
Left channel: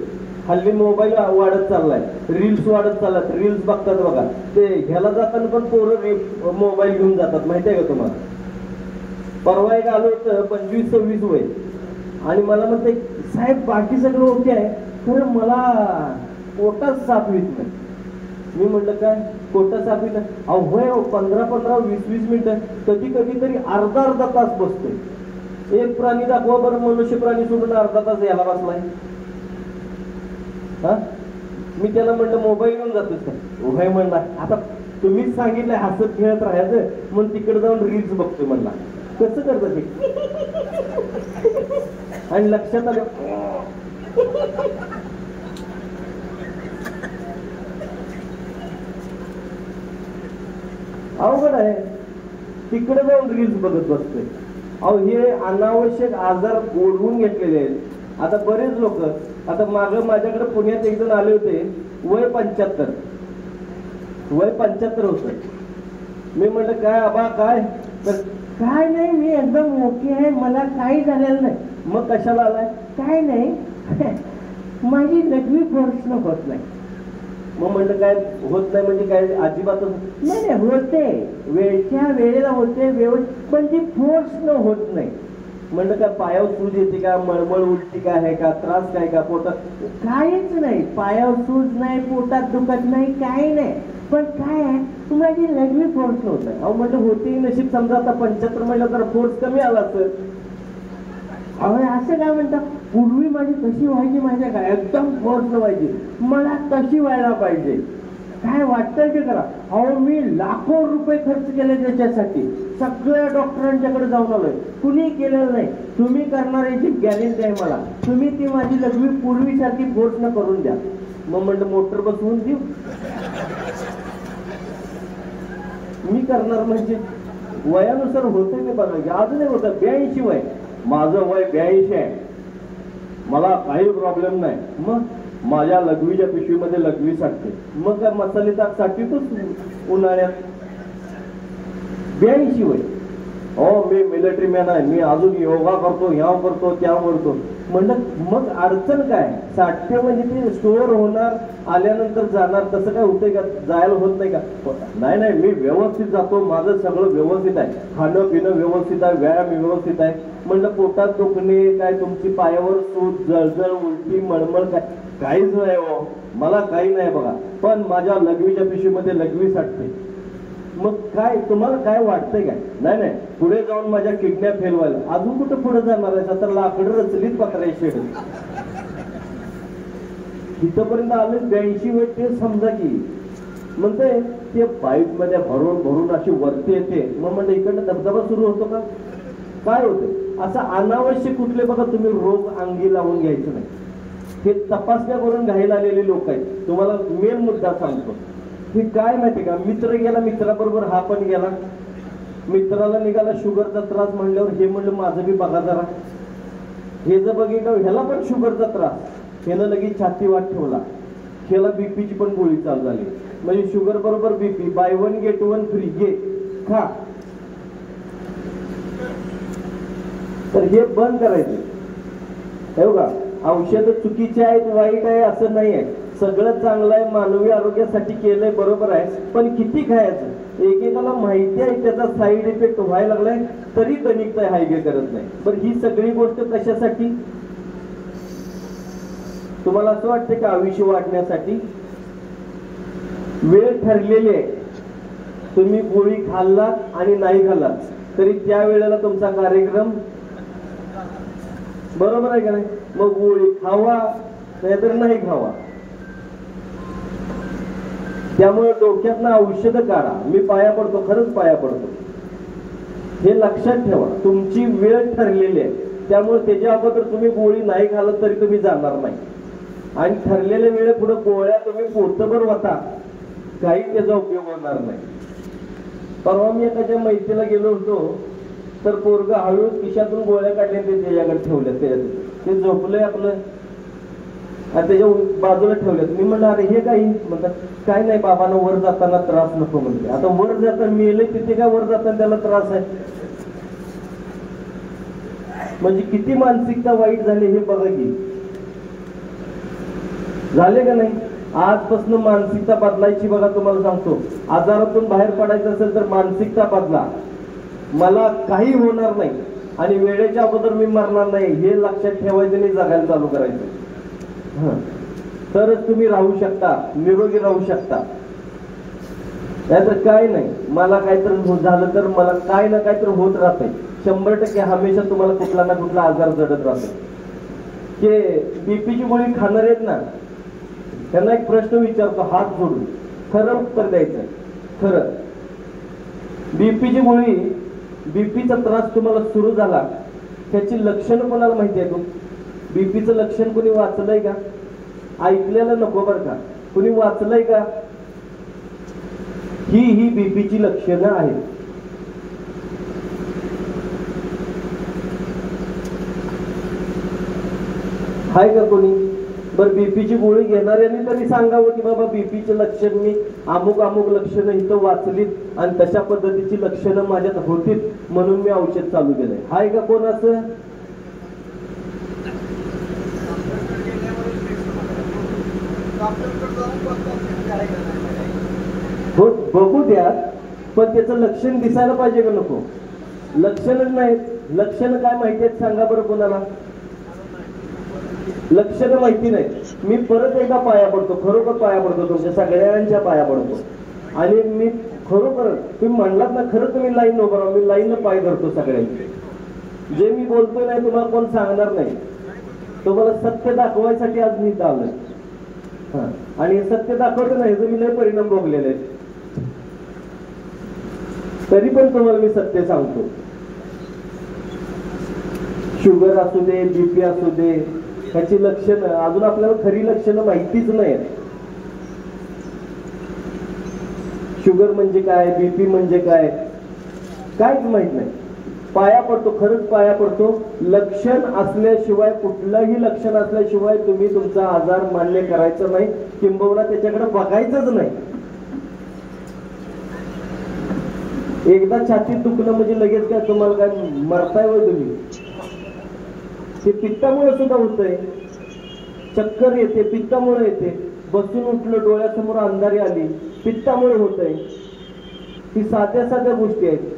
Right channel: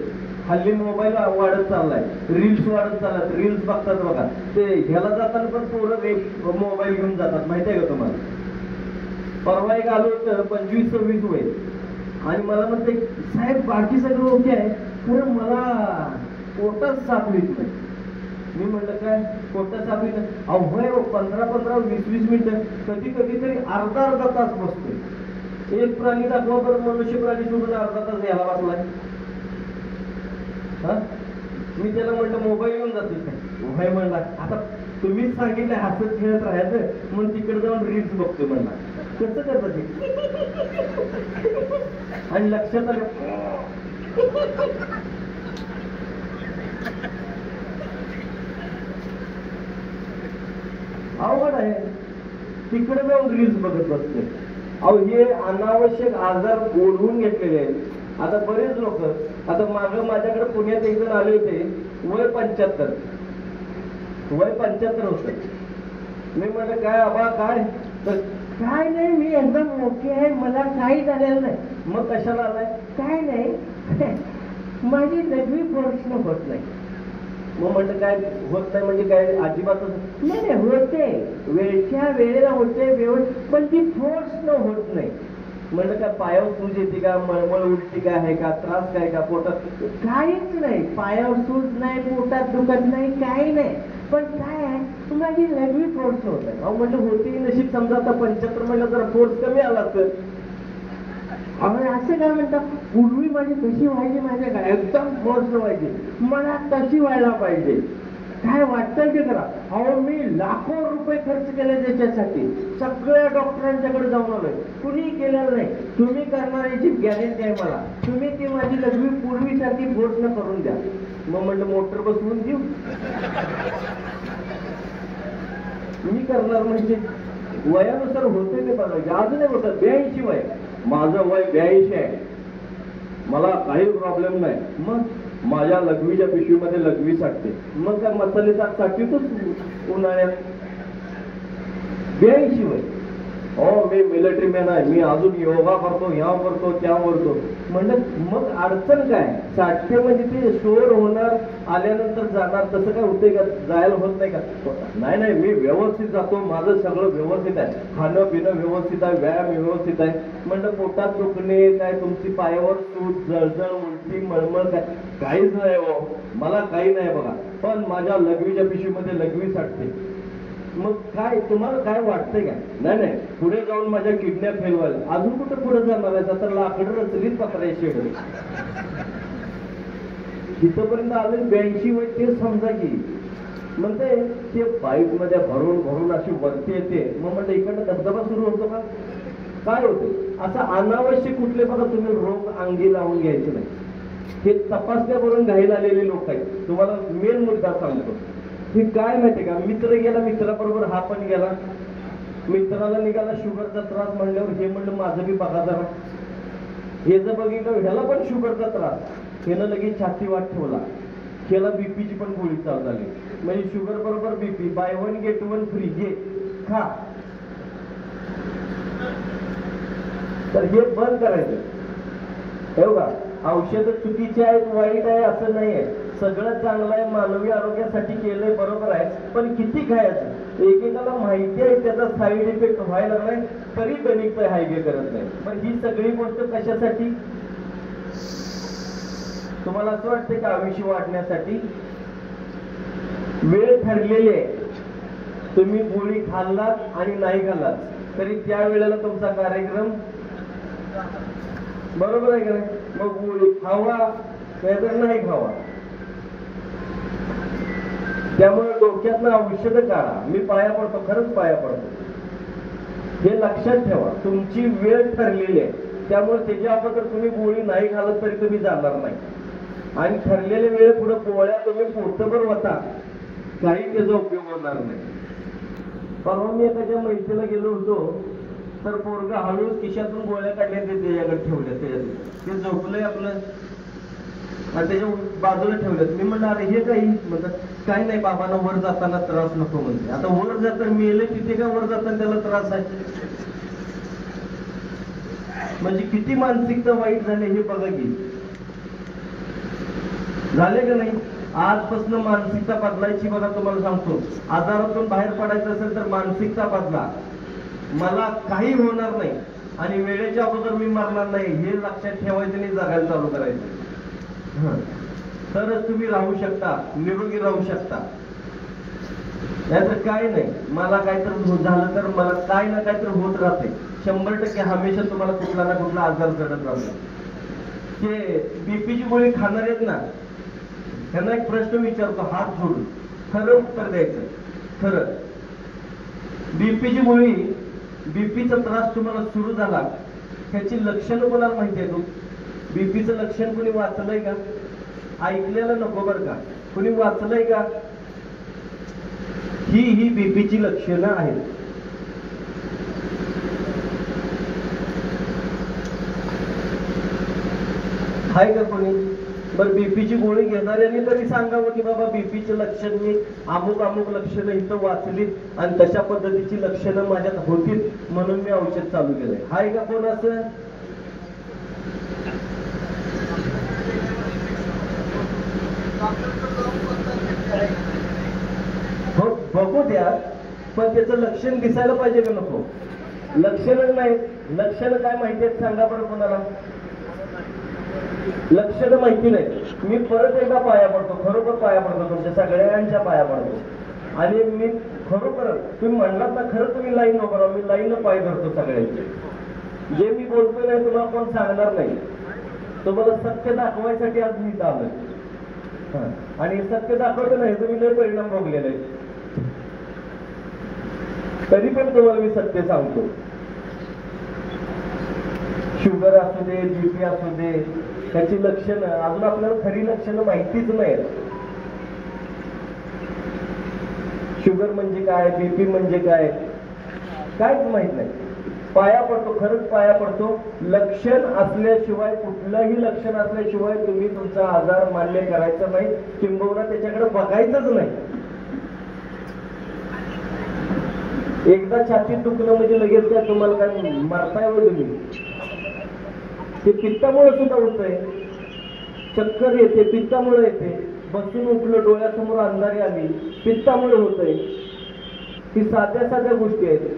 हल्ली मोबाईल वाढत चाललाय, रील्स वाढत चाललात. रील्स बघतात बघा, ते ह्याला जाताना पण पोरं मोबाईल घेऊन जातात, माहिती आहे का तुम्हाला. परवा एक आलो होतं 25-26 वय, आणि मला म्हणते साहेब बाकी सगळं ओके आहे, खरं मला पोटात सापलीत नाही. मी म्हटलं काय पोटात सापलीत नाही? अहो 15-15, 20-20 मिनिटं, कधी तरी अर्धा तास बसतोय. एक प्राणी दाखवा बरं, मनुष्य प्राणी सोडून अर्धा तास यायला बसलाय. मी त्याला म्हटलं मोबाईल घेऊन जातोस काय? उभय म्हणला, आता तुम्हीच सांगितलंय हसत खेळत राहायचं, मग तिकडे जाऊन रील्स बघतोय म्हणला. कसं करत ते? आणि लक्षात आलं अवघड आहे, तिकडे जाऊन रील्स बघत बसते. अहो हे अनावश्यक आजार ओढवून घेतलेले आहेत. आता बरेच लोक, आता माझ्याकडे पुण्यात एक जण आले होते, वय 75 होते. मी म्हटलं काय आबा काय? काय नाही, मी एकदम ओके आहे, मला काही झालेलं नाही. मग कशाला आलाय? काय नाही, माझी लघवी प्रश्न होत नाही. मग म्हटलं काय होत नाही म्हणजे काय? अजिबातच नाही. होते, वेळच्या वेळेला होते व्यवस्थित, पण ती फोर्स न होत नाही. म्हणलं काय पायावर सूज येते का, मळमळ उठते का, आहे का त्रास काय का पोटात? काहीच नाही, पायावर सूज नाही, पोटात दुखत नाही, काही नाही. पण काय आहे, माझी लघवी फोर्स होत. अहो म्हटलं होती नशीब, समजा आता 75 महिला तर फोर्स कमी आला असेल. असं काय म्हणतात, पूर्वी माझी कशी व्हायची माझ्या काय एकदम फोर्स व्हायची, मला तशी व्हायला पाहिजे. काय वाटतं ते करा. अहो मी लाखो रुपये खर्च केले त्याच्यासाठी, सगळ्या डॉक्टरांच्याकडे जाऊन आलोय, कुणी केलेलं नाही. तुम्ही करणार याची गॅरंटी आहे मला. तुम्ही ती माझी लघवी पूर्वीसाठी फोर्स न करून द्या. मग म्हटलं मोटर बसवून देऊ. मी करणार म्हणजे वयानुसार होतं की बघा. अजूनही होतं 82 वय, माझं वय 82 आहे, मला काही प्रॉब्लेम नाही. मग माझ्या लघवीच्या पिशवीमध्ये लघवी साठते. मग काय मसाले साठी तूच उन्हाळ्यात 82 वय. हो मी मिलिटरी मॅन आहे, मी अजून योगा करतो, ह्या करतो त्या करतो. म्हणलं मग अडचण काय? साठते म्हणजे ते स्टोअर होणार, आल्यानंतर जाणार, तसं काय होतंय का? जायला होत नाही का? नाही, मी व्यवस्थित जातो, माझं सगळं व्यवस्थित आहे, खाणं पिणं व्यवस्थित आहे, व्यायाम व्यवस्थित आहे. म्हणलं पोटात दुखणे काय, तुमची पायावर सूज, जळजळ, उलटी, मळमळ काय? काहीच नाही हो, मला काही नाही बघा. पण माझ्या लघवीच्या पिशवीमध्ये लघवी साठते. मग काय तुम्हाला काय वाटतंय का? नाही, पुढे जाऊन माझ्या किडन्या फेल व्हायला. अजून कुठं पुढे जाणार आहे? तर लाकडं रचलीच पत्रायची. इथपर्यंत आले 82 वय, ते समजा की म्हणते ते पाईप मध्ये भरून अशी वरती येते. मग म्हणजे इकडनं धबधबा सुरू होतो का? काय होतं? असं अनावश्यक कुठले बघा तुम्ही रोग अंगी लावून घ्यायचे नाही. हे तपासण्या करून घायला आलेले लोक आहेत. तुम्हाला मेन मुद्दा सांगतो, हे काय माहितीये का? मित्र गेला, मित्राबरोबर हा पण गेला. मित्राला निघाला शुगरचा त्रास, म्हणल्यावर हे म्हणलं माझं बी बघा जरा. हे जर बघितलं ह्याला पण शुगरचा त्रास, ह्यानं लगेच छाती वाट ठेवला, ह्याला बीपीची पण गोळी चालू झाली. म्हणजे शुगर बरोबर बीपी, बाय 1 गेट 1 फ्री, घे खा. तर हे बंद करायचं. हे बघा, औषध चुकीची आहेत, वाईट आहे असं नाही आहे. सगळं चांगलं आहे, मानवी आरोग्यासाठी केलंय, बरोबर आहे. पण किती खायचं? एकेकाला माहिती आहे त्याचा साईड इफेक्ट व्हायला लागलाय, तरी गणित हायगे करत नाही. पण ही सगळी गोष्ट कशासाठी? तुम्हाला असं वाटतं का आयुष्य वाढण्यासाठी? वेळ ठरलेली आहे. तुम्ही गोळी खाल्लात आणि नाही खाल्लात तरी त्या वेळेला तुमचा कार्यक्रम, बरोबर आहे का नाही? मग गोळी खावा नाहीतर नाही खावा. त्यामुळे डोक्यातनं औषध काढा. मी पाया पडतो, खरंच पाया पडतो. हे लक्षात ठेवा, तुमची वेळ ठरलेली आहे. त्यामुळे त्याच्या अगोदर तुम्ही गोळी नाही घालत तरी तुम्ही जाणार नाही. आणि ठरलेल्या वेळेत पुढे गोळ्या तुम्ही पोटभर होता, काही त्याचा उपयोग होणार नाही. परवा मी एखाद्या मैत्रीला गेलो होतो, तर पोरगा हळूच खिशातून गोळ्या काढल्या ते त्याच्याकडे ठेवल्या. ते झोपलंय आपलं आणि त्याच्या बाजूला ठेवलं. मी म्हणलं अरे हे काही म्हणतात, काय नाही बाबांना वर जाताना त्रास नको म्हणते. आता वर जाताना मेले तिथे का वर जाताना त्याला त्रास आहे? म्हणजे किती मानसिकता वाईट झाली हे बघा की. झाले का नाही? आजपासून मानसिकता बदलायची. बघा तुम्हाला सांगतो, आजारातून बाहेर पडायचं असेल तर मानसिकता बदला. मला काही होणार नाही आणि वेळेच्या अगोदर मी मरणार नाही हे लक्षात ठेवायचं आणि जगायला चालू करायचं. तरच तुम्ही राहू शकता, निरोगी राहू शकता. याचं काय नाही, मला काहीतरी झालं तर मला काय ना काहीतरी होत राहते. 100% हमेशा तुम्हाला कुठला ना कुठला आजार जडत राहतो. ते बीपीची गोळी खाणार आहेत ना, त्यांना एक प्रश्न विचारतो हात जोडून, खरं उत्तर द्यायचं. खरं बीपीची गोळी, बीपीचा त्रास तुम्हाला सुरू झाला, त्याची लक्षणं कोणाला माहिती आहे? बीपीचं लक्षण कोणी वाचलंय का? ऐकलेलं नको बरं का, कोणी वाचलंय का? ही बीपीची लक्षणं आहेत. आहे का कोणी? बरं, बीपीची गोळी घेणाऱ्यांनी तरी सांगावं की बाबा बीपीचे लक्षण मी अमुक अमुक लक्षणं इथं वाचलीत आणि तशा पद्धतीची लक्षणं माझ्यात होतीत म्हणून मी औषध चालू केलंय. आहे का कोण असं? हो, बघू द्या, पण त्याचं लक्षण दिसायला पाहिजे का नको? लक्षणच नाही. लक्षणं काय माहिती आहेत सांगा बरं कोणाला? लक्षणं माहिती नाही. मी परत एकदा पाया पडतो, खरोखर पाया पडतो, तुमच्या सगळ्यांच्या पाया पडतो. आणि मी खरोखर तुम्ही म्हणलात ना, खरं तुम्ही लाईन उभं राहा, मी लाईन पाय धरतो सगळ्यांचे. जे मी बोलतोय नाही तुम्हाला कोण सांगणार नाही. तुम्हाला सत्य दाखवायसाठी आज मी आलोय. आणि सत्य दाखवतो नाही तर मी लय परिणाम भोगलेले आहेत. तरी पण तुम्हाला मी सत्य सांगतो. शुगर असू दे, बीपी असू दे, त्याची लक्षणं अजून आपल्याला खरी लक्षणं माहितीच नाही. शुगर म्हणजे काय, बीपी म्हणजे काय, काहीच माहित नाही. पाया पडतो, खरंच पाया पडतो. लक्षण असल्याशिवाय, कुठलंही लक्षण असल्याशिवाय तुम्ही तुमचा आजार मान्य करायचा नाही, किंबहुना त्याच्याकडे बघायचंच नाही. एकदा छातीत दुखलं म्हणजे लगेच काय तुम्हाला काय मरताय व तुम्ही? ते पित्तामुळे सुद्धा होतंय. चक्कर येते, पित्तामुळे येते. बसून उठलं, डोळ्यासमोर अंधारी आली, पित्तामुळे होतंय. ही साध्या साध्या गोष्टी आहेत.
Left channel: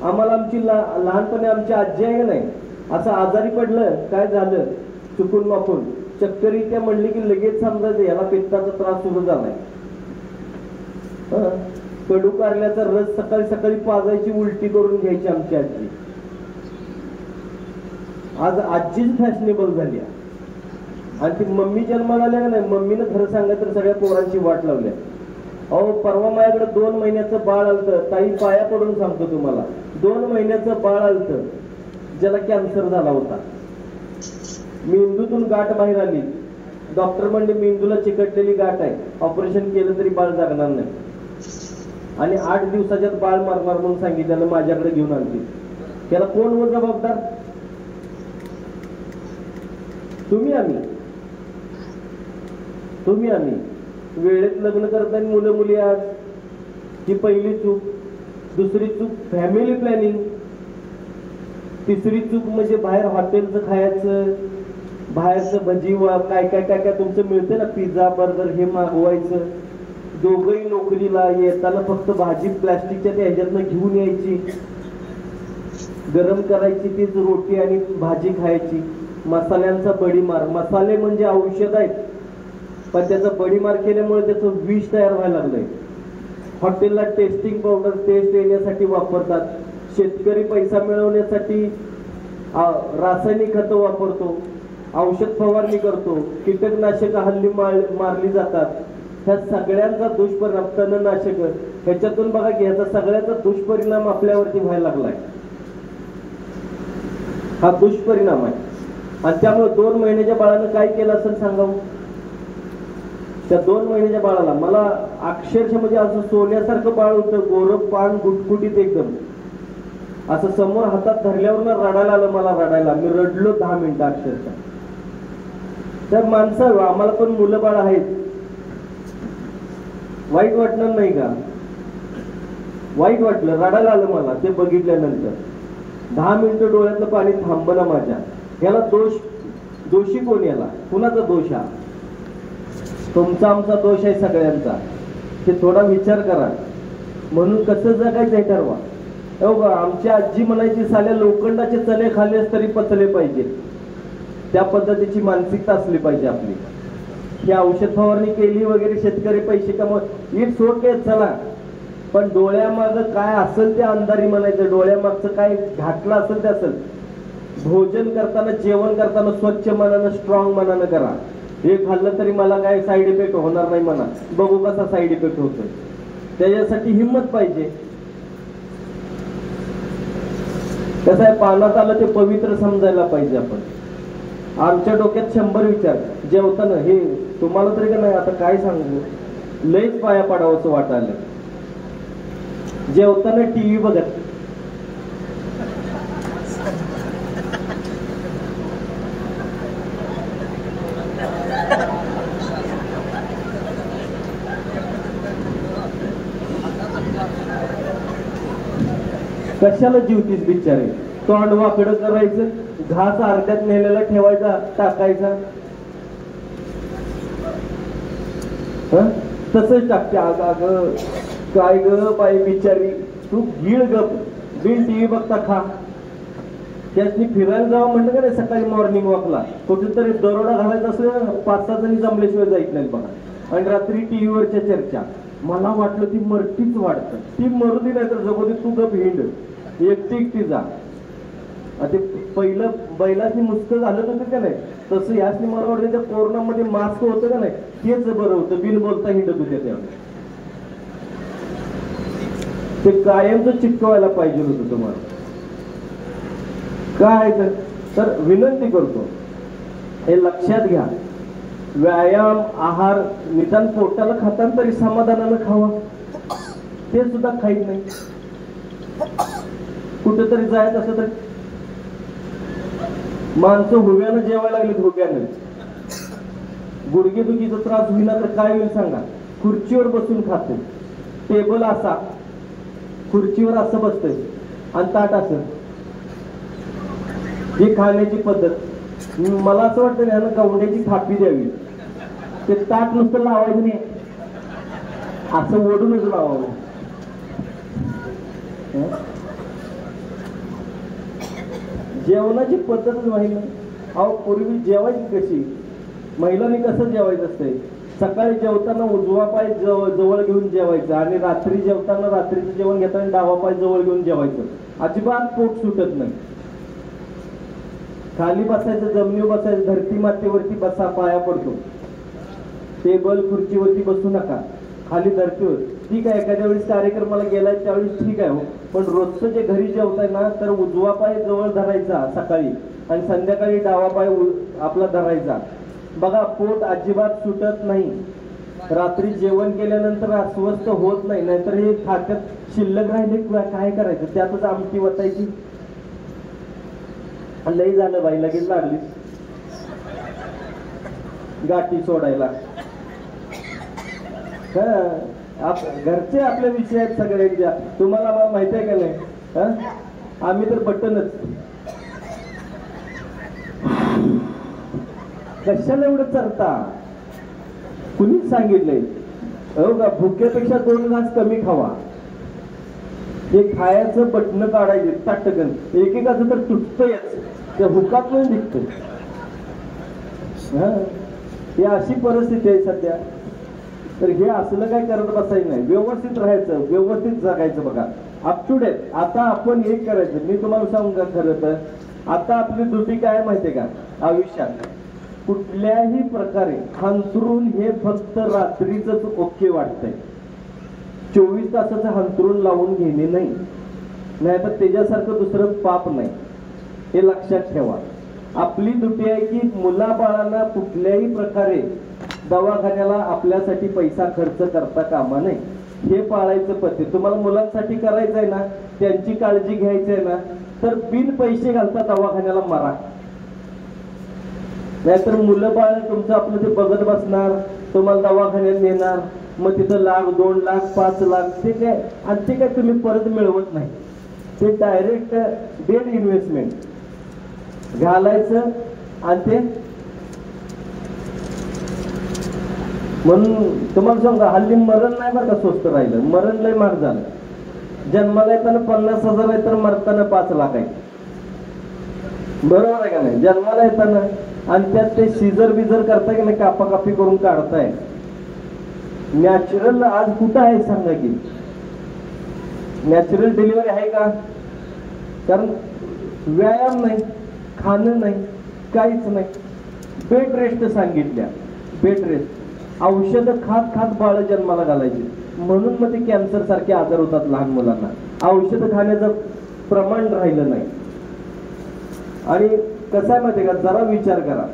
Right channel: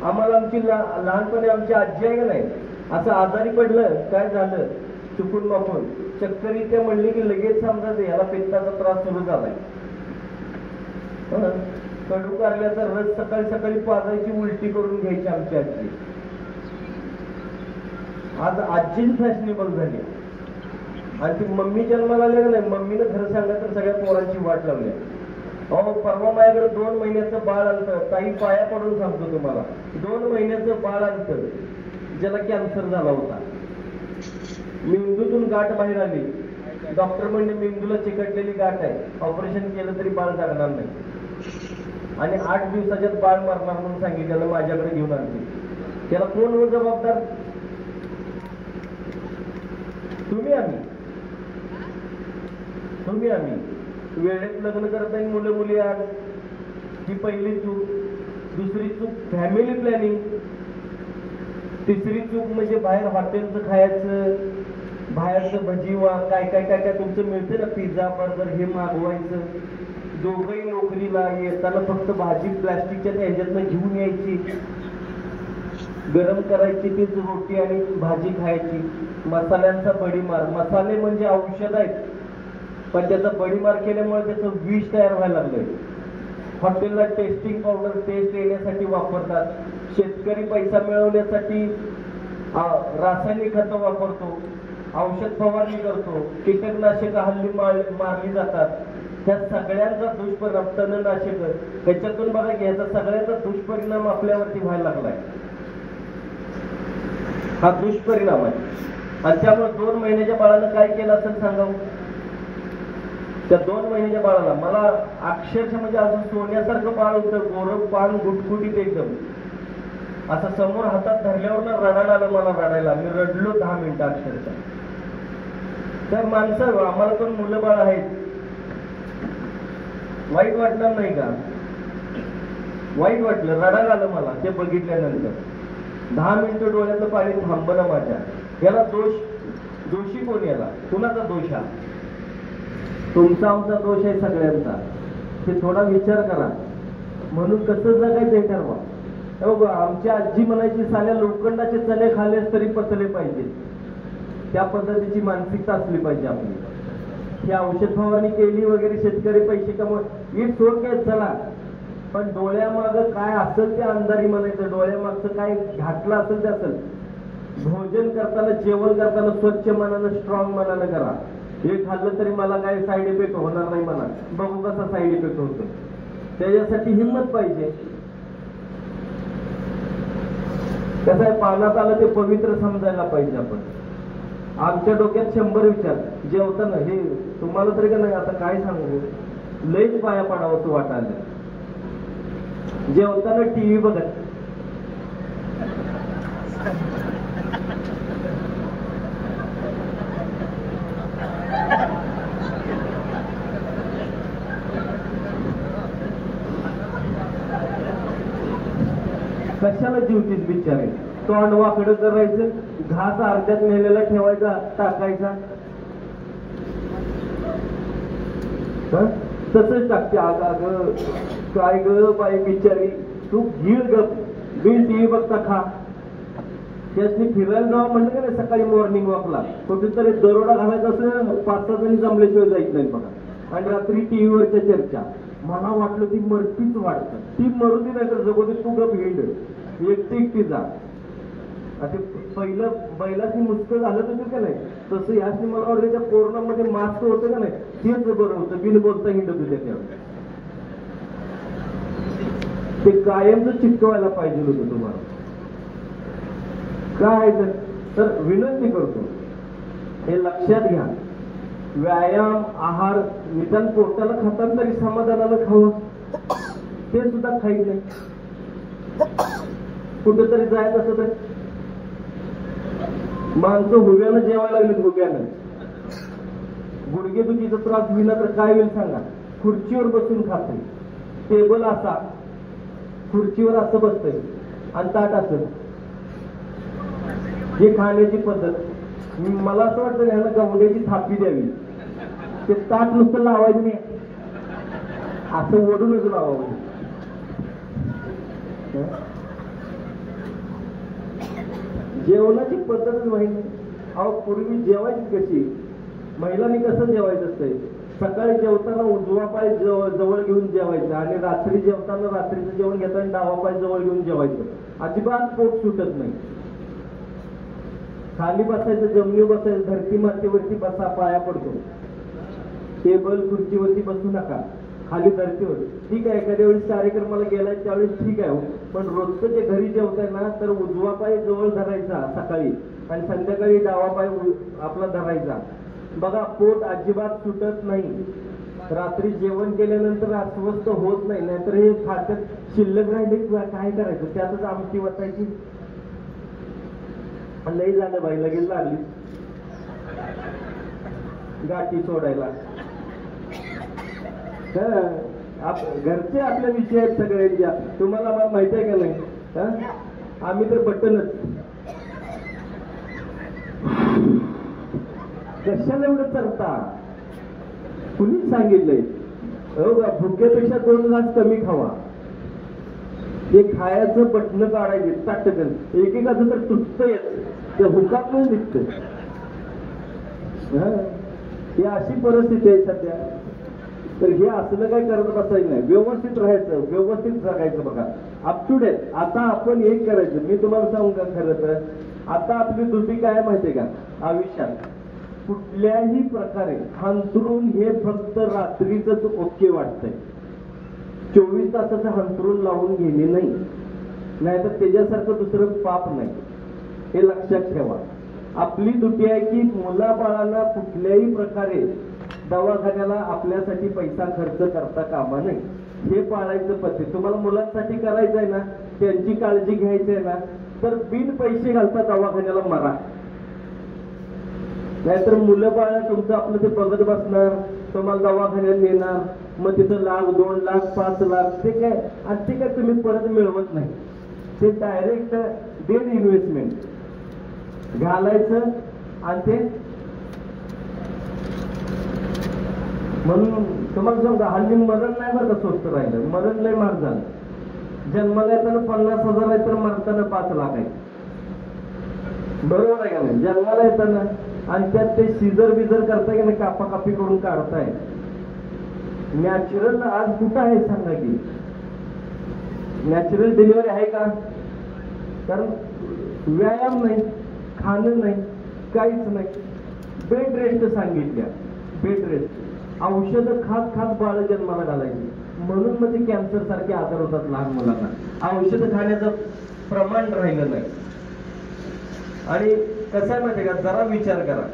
आम्हाला आमची लहानपणी आमची आजी आहे नाही, असं आजारी पडलं, काय झालं चुकून मापून चक्कर येत्या म्हणली की लगेच समजायचं याला पित्ताचा त्रास सुरू झालाय. कडू कारल्याचा रस सकाळी सकाळी पाजायची, उलटी करून घ्यायची आमची आजी. आज आजीच फॅशनेबल झाली. आणि ती मम्मी जन्माला आल्या नाही, मम्मीनं खरं सांगितलं तर सगळ्या पोरांची वाट लावली. अहो, परवा माझ्याकडे 2 महिन्याचं बाळ आलतं. ताई पाया पडून सांगतो तुम्हाला, 2 महिन्याचं बाळ आलतं ज्याला कॅन्सर झाला होता. मेंदूतून गाठ बाहेर आली. डॉक्टर म्हणजे मेंदूला चिकटलेली गाठ आहे, ऑपरेशन केलं तरी बाळ जगणार नाही. आणि 8 दिवसाच्यात बाळ मरणार म्हणून सांगितल्यानं माझ्याकडे घेऊन आलते. त्याला कोण जबाबदार? तुम्ही आम्ही. वेळेत लग्न करत नाही मुलं मुली. आज ही पहिली चूक. दुसरी चूक फॅमिली प्लॅनिंग. तिसरी चूक म्हणजे बाहेर हॉटेलचं खायचं, बाहेरचं भजी काय काय काय काय तुमचं मिळते ना, पिझ्झा बर्गर, हे मागवायचं. दोघंही नोकरीला, येताना फक्त भाजी प्लास्टिकच्या ह्याच्यातनं घेऊन यायची, गरम करायची तीच रोटी आणि भाजी खायची. मसाल्यांचा बडीमार. मसाले म्हणजे औषध आहेत, पण त्याचा बडीमार केल्यामुळे त्याचं विष तयार व्हायला लागलंय. हॉटेलला टेस्टिंग पावडर टेस्ट येण्यासाठी वापरतात. शेतकरी पैसा मिळवण्यासाठी रासायनिक खतं वापरतो, औषध फवारणी करतो, कीटकनाशक हल्ली मारली जातात. ह्या सगळ्यांचा दुष्परिणाम तणनाशक ह्याच्यातून बघा की ह्याचा सगळ्याचा दुष्परिणाम आपल्यावरती व्हायला लागलाय. हा दुष्परिणाम आहे. आणि त्यामुळे 2 महिन्याच्या बाळानं काय केलं असेल सांगा. त्या 2 महिन्याच्या बाळाला मला अक्षरशः म्हणजे असं सोन्यासारखं बाळ होतं, गोरं पान गुटगुटीत एकदम, असं समोर हातात धरल्यावर ना रडायला आलं मला, रडायला. मी रडलो 10 मिनिटं अक्षरशः. तर माणसं आम्हाला पण मुलं बाळ आहेत, वाईट वाटलं नाही का? वाईट वाटलं, रडायला आलं मला ते बघितल्यानंतर. 10 मिनिटं डोळ्यातलं पाणी थांबलं माझ्या. याला दोषी कोण? याला कुणाचा दोष? हा तुमचा आमचा दोष आहे सगळ्यांचा. ते थोडा विचार करा. म्हणून कसं जगायचं हे ठरवा. आमची आजी म्हणायची, साल्या लोखंडाचे चणे खाल्लेस तरी पचले पाहिजे. त्या पद्धतीची मानसिकता असली पाहिजे आपली. ही औषध फवारणी केली वगैरे, शेतकरी पैसे कमवत, इट्स ओके, चला. पण डोळ्यामागं काय असेल ते अंधारी म्हणायचं. डोळ्यामागचं काय घातलं असेल ते असेल. भोजन करताना, जेवण करताना स्वच्छ मनानं, स्ट्रॉंग मनानं करा. हे खाल्लं तरी मला काय साईड इफेक्ट होणार नाही म्हणा. बघू कसा साईड इफेक्ट होतो. त्याच्यासाठी हिंमत पाहिजे. कसं आहे, पानात आलं ते पवित्र समजायला पाहिजे आपण. आमच्या डोक्यात 100 विचार जेवताना. हे तुम्हाला तरी का नाही आता काय सांगू, लईच पाया पडावं असं वाटायला. जेवताना टीव्ही बघत, कशाला जीवतीस बिचारे. तोंड वाकडं करायचं, घास अर्ध्यात नेलेला ठेवायचा, टाकायचा. तसंच टाकते. अगं काय ग बाई बिचारी, तू गिळ गप, बिल टीव्ही बघता खा. त्याच मी फिरायला जावं म्हणलं का नाही सकाळी मॉर्निंग वॉकला, कुठेतरी दरोडा घालायचा असेल, 5-6 जणी जमल्याशिवाय जायच नाही बघा. आणि रात्री टीव्हीवरच्या चर्चा. मला वाटलं ती मरतीच वाटतं. ती मरू दे नाही तर जगू दे, तू गप हिंड, एकटी जा. ते पहिलं बैलाची मुस्कळ झालं होतं का नाही, तसं याच मला वाटतं त्या कोरोनामध्ये मास्क होतं का नाही, तेच बरं होतं. बिन बोलता हिंडत होते तेव्हा. ते कायमच चिटकवायला पाहिजे होतं तुम्हाला. काय तर विनंती करतो, हे लक्षात घ्या. व्यायाम, आहार, निदान पोटाला खाताना तरी समाधानानं खावं. ते सुद्धा खाईत नाही. कुठेतरी जायचं असं तरी माणसं हुव्यानं जेवायला लागलीत. हुव्यानं गुडघेदुखीचा त्रास होईना तर काय होईल सांगा. खुर्चीवर बसून खाते. टेबल असा, खुर्चीवर असं बसतंय आणि ताट असं. ही खाण्याची पद्धत. मला असं वाटतं ह्यानं गवंड्याची थापी द्यावी. ते ताट नुसतं लावायचं नाही, असं ओढूनच लावावं. जेवणाची पद्धतच माहिती. अहो पूर्वी जेवायची कशी, महिलांनी कसं जेवायचं असतंय. सकाळी जेवताना उजवा पाय जवळ घेऊन जेवायचं आणि रात्री जेवताना रात्रीचं जेवण घेताना डावा पाय जवळ घेऊन जेवायचं. अजिबात पोट सुटत नाही. खाली बसायचं, जमिनीवर बसायचं, धरती मातीवरती बसा, पाया पडतो. टेबल खुर्चीवरती बसू नका, खाली धरतीवर. ठीक आहे, एखाद्या वेळेस कार्यक्रमाला गेलाय त्यावेळेस ठीक आहे, पण रोजचं जे घरी जेवताय ना, तर उजवा पाय जवळ धरायचा सकाळी आणि संध्याकाळी डावा पाय आपला धरायचा. बघा पोट अजिबात सुटत नाही. रात्री जेवण केल्यानंतर अस्वस्थ होत नाही. नाहीतर हे खात्यात शिल्लक राहिले काय करायचं, त्यातच आमटी वतायची. लई झालं बाई, लगेच लागली गाठी सोडायला. घरचे आपल्या विषय आहेत सगळ्यांच्या. तुम्हाला मला माहिती आहे का नाही, आम्ही तर बटनच. कशाला एवढं चरता, कुणीच सांगितलंय. हो का, भुकेपेक्षा 2 घास कमी खावा. हे खायचं बटन काढायचे ताटकन, एकेकाचं तर तुटतंयच, त्या भुकात पण दिसतंय. ही अशी परिस्थिती आहे सध्या. तर हे असलं काय करत बसायचं नाही. व्यवस्थित राहायचं, व्यवस्थित जगायचं. बघा अप टू डेट. आता आपण एक करायचं, मी तुम्हाला सांगू का, खरं तर आता आपली ड्युटी काय माहितीये का आयुष्यात, कुठल्याही प्रकारे हंतरून हे फक्त रात्रीच ओके वाटतंय. 24 तासाचं हंतरून लावून घेणे नाही, नाहीतर त्याच्यासारखं दुसरं पाप नाही. हे लक्षात ठेवा. आपली ड्युटी आहे की मुलाबाळांना कुठल्याही प्रकारे दवाखान्याला आपल्यासाठी पैसा खर्च करता कामा नये. हे पाळायचं पद्धत. तुम्हाला मुलांसाठी करायचंय ना, त्यांची काळजी घ्यायची आहे ना, तर बिन पैसे घालता दवाखान्याला मारा. नाहीतर मुलं बाळ तुमचं आपलं ते बघत बसणार, तुम्हाला दवाखान्यात नेणार, मग तिथं लाख 2 लाख 5 लाख ते काय, आणि ते काय तुम्ही परत मिळवत नाही. ते डायरेक्ट डेड इन्व्हेस्टमेंट घालायचं आणि ते म्हणून तुम्हाला सांगा, हल्ली मरण नाही बरं का स्वस्त राहिलं. मरण लय महाग झालं. जन्माला येताना 50,000 आहे तर मरताना 5 लाख आहे. बरोबर आहे का नाही? जन्माला येताना आणि त्यात ते सीझर बिझर करताय की नाही, कापाकापी करून काढताय. नॅचरल आज कुठं आहे सांगा की? नॅचरल डिलिव्हरी आहे का? कारण व्यायाम नाही, खाणं नाही, काहीच नाही. बेड रेस्ट सांगितल्या. बेड रेस्ट औषधं खात खात बाळ जन्माला घालायची. म्हणून मग ते कॅन्सर सारखे आजार होतात लहान मुलांना. औषधं खाण्याचं प्रमाण राहिलं नाही. आणि कसं आहे माहिती का, जरा विचार करा.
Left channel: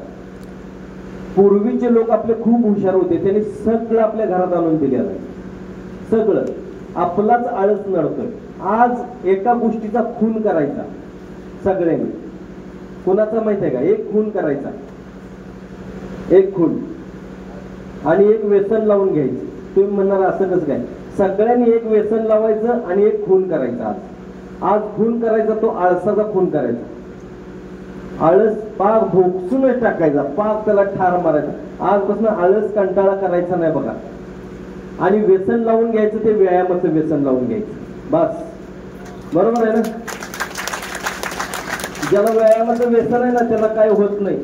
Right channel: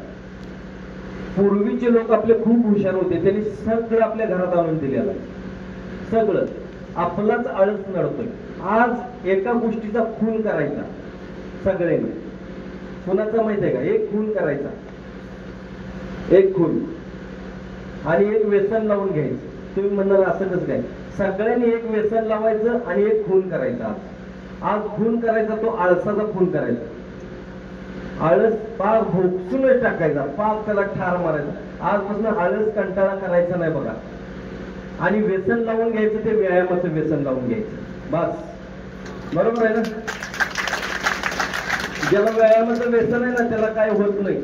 पूर्वीचे लोक आपले खूप हुशार होते. त्यांनी सगळं आपल्या घरात आणून दिलेलं आहे. सगळं. आपलाच आळस नडतोय. आज एका गोष्टीचा खून करायचा सगळ्यांनी. कुणाचा माहिती आहे का? एक खून करायचा, एक खून, आणि एक व्यसन लावून घ्यायचं. तुम्ही म्हणणार असं कसं काय? सगळ्यांनी एक व्यसन लावायचं आणि एक खून करायचा. आज खून करायचा, तो आळसाचा खून करायचा. आळस पाक भोगसूनच टाकायचा, पाक त्याला ठार मारायचा. आजपासून आळस कंटाळा करायचा नाही बघा. आणि व्यसन लावून घ्यायचं, ते व्यायामाचं व्यसन लावून घ्यायचं. बस. बरोबर आहे ना? ज्याला व्यायामाचं व्यसन आहे ना, त्याला काय होत नाही.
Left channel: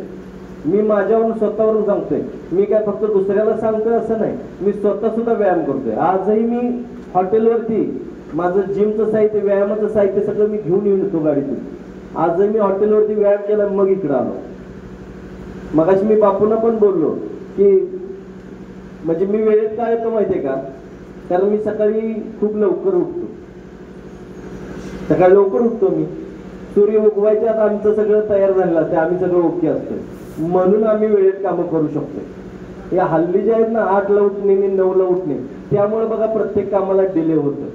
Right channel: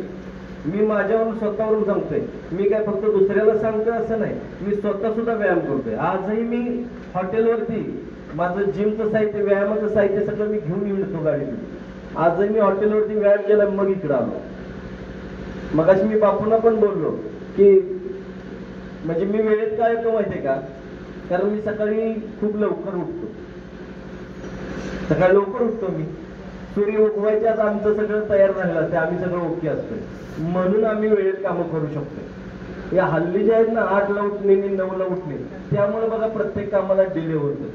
मी माझ्यावरून स्वतःवरून सांगतोय. मी काय फक्त दुसऱ्याला सांगतोय असं नाही. मी स्वतः सुद्धा व्यायाम करतोय. आजही मी हॉटेलवरती माझं जिमचं साहित्य, व्यायामाचं साहित्य सगळं मी घेऊन येतो गाडीतून. आजही मी हॉटेलवरती व्यायाम केला, मग इकडं आलो. मगाशी मी बापूंना पण बोललो की म्हणजे मी वेळेत काय येतो माहितीये का? कारण मी सकाळी खूप लवकर उठतो. सकाळी लवकर उठतो मी. सूर्य उगवायच्या आत आमचं सगळं तयार झालेलं असते. आम्ही सगळं ओके असतो. म्हणून आम्ही वेळेत कामं करू शकतो. या हल्ली जे आहेत ना, 8ला उठणे, 9ला उठणे, त्यामुळे बघा प्रत्येक कामाला डिले होतं.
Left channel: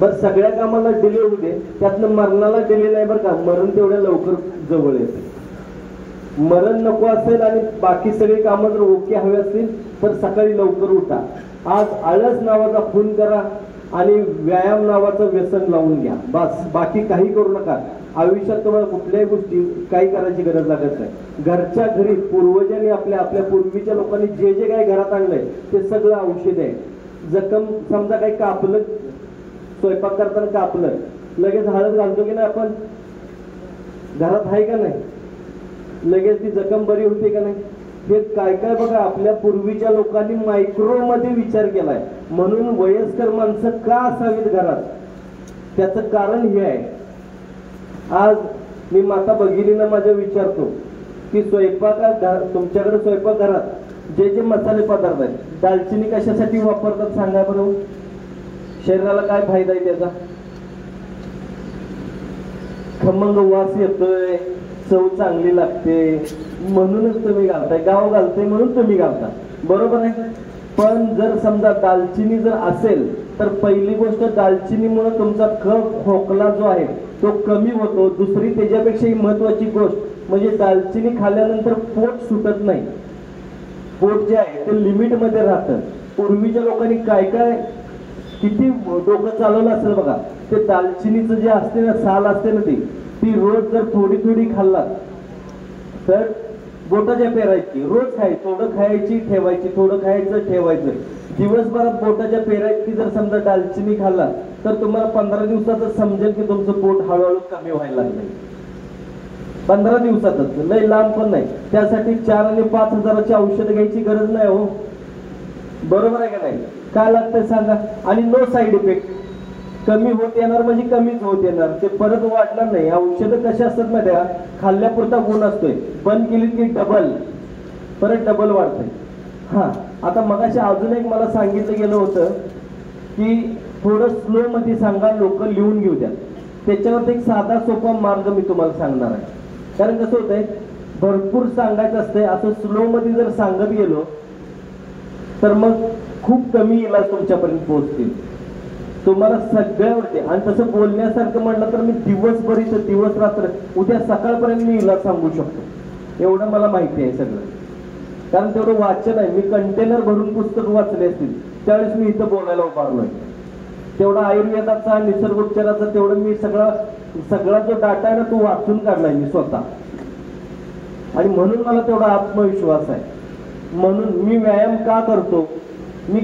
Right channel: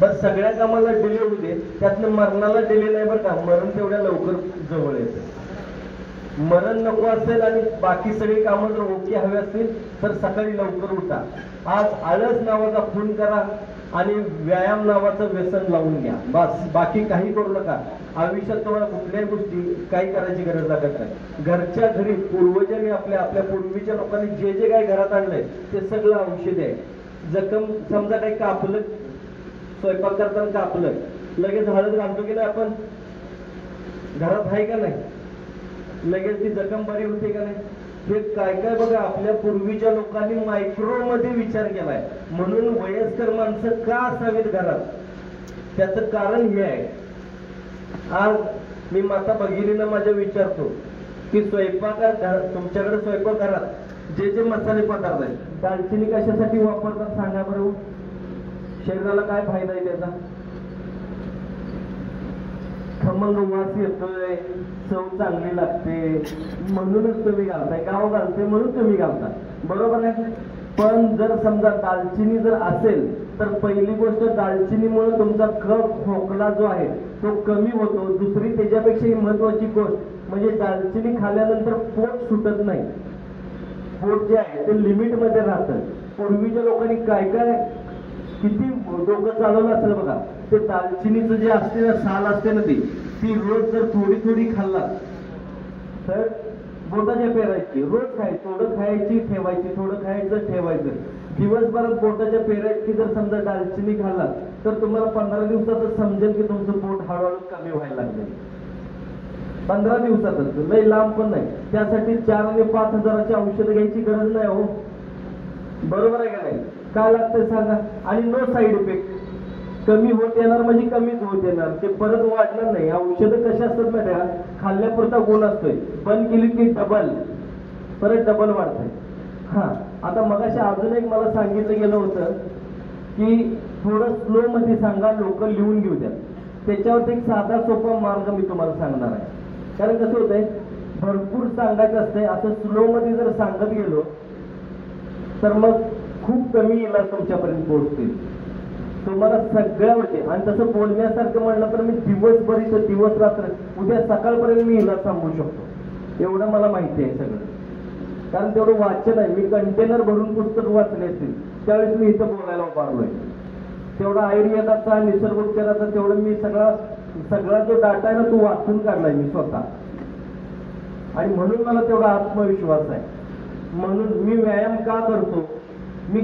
बस सगळ्या कामाला डिले होऊ दे, त्यातनं मरणाला डिले नाही बरं का. मरण तेवढ्या लवकर जवळ येतं. मरण नको असेल आणि बाकी सगळी कामं जर ओके हवे असतील तर सकाळी लवकर उठा. आज आळस नावाचा खून करा आणि व्यायाम नावाचं व्यसन लावून घ्या. बस. बाकी काही करू नका. आयुष्यात तुम्हाला कुठल्याही गोष्टी काही करायची गरज लागत नाही. घरच्या घरी पूर्वजांनी आपल्या पूर्वीच्या लोकांनी जे जे काही घरात आणलंय ते सगळं औषध आहे. जखम समजा काही कापलं, स्वयंपाक करताना कापलं, लगेच हळद घालतो की नाही आपण? घरात आहे का नाही? लगेच ती जखम बरी होते का नाही? हे काय काय बघा आपल्या पूर्वीच्या लोकांनी मायक्रो मध्ये विचार केलाय. म्हणून वयस्कर माणसं का असावीत घरात, त्याचं कारण हे आहे. आज मी माता भगिनींना माझ्या विचारतो की तुमच्याकडे स्वयंपाकघरात जे जे मसाले पदार्थ आहेत, दालचिनी कशासाठी वापरतात सांगा बरं? शरीराला काय फायदा आहे त्याचा? खमंग वास येतोय, चव चांगली लागते, म्हणूनच तुम्ही घालताय. गाव घालतोय म्हणून तुम्ही घालता. बरोबर आहे. पण जर समजा दालचिनी जर असेल तर पहिली गोष्ट, दालचिनीमुळे तुमचा कफ खोकला जो आहे तो कमी होतो. दुसरी त्याच्यापेक्षा महत्वाची गोष्ट म्हणजे दालचिनी खाल्ल्यानंतर पोट सुटत नाही. पोट जे आहे ते लिमिट मध्ये राहतं. पूर्वीच्या लोकांनी काय काय किती डोकं चालवलं असेल बघा. ते दालचिनीचं जे असते ना, साल असते ना, ती रोज जर थोडी थोडी खाल्ला तर बोटाच्या पेरायची, रोज खायची, थोडं खायची ठेवायची, थोडं खायचं ठेवायचं. दिवसभरात बोटाच्या पेरायची जर समजा दालचिनी खाल्ला तर तुम्हाला 15 दिवसातच समजेल की तुमचं पोट हळूहळू कमी व्हायला लागले. 15 दिवसातच, लय लांब पण नाही. त्यासाठी 4 आणि 5 हजाराची औषधं घ्यायची गरज नाही हो. बरोबर आहे का नाही? काय लागतंय सांगा? आणि नो साईड इफेक्ट. कमी होत येणार म्हणजे कमीच होत येणार, ते परत वाढणार नाही. औषधं कशी असतात माहिती आहे का, खाल्ल्यापुरता गुण असतोय, बंद केली की डबल, परत डबल वाढतंय. हा, आता मगाशी अजून एक मला सांगितलं गेलं होतं की थोडं स्लो मध्ये सांगा, लोक लिहून घेऊ द्या. त्याच्यावर एक साधा सोपा मार्ग मी तुम्हाला सांगणार आहे. कारण कसं होतंय, भरपूर सांगायचं असतंय, असं स्लो मध्ये जर सांगत गेलो तर मग खूप कमी इलाज तुमच्यापर्यंत पोहोचतील. तुम्हाला सगळ्यावरती, आणि तसं बोलण्यासारखं म्हणलं तर मी दिवसभर इथं दिवस रात्र उद्या सकाळपर्यंत मी इलाज सांगू शकतो, एवढं मला माहिती आहे सगळं. कारण तेवढं वाचन आहे, मी कंटेनर भरून पुस्तक वाचले असतील त्यावेळेस मी इथं बोलायला उभारलोय. तेवढा आयुर्वेदाचा, निसर्गोपचाराचा तेवढं मी सगळा जो डाटा आहे ना तो वाचून काढलाय मी स्वतः. आणि म्हणून मला तेवढा आत्मविश्वास आहे. म्हणून मी व्यायाम का करतो, मी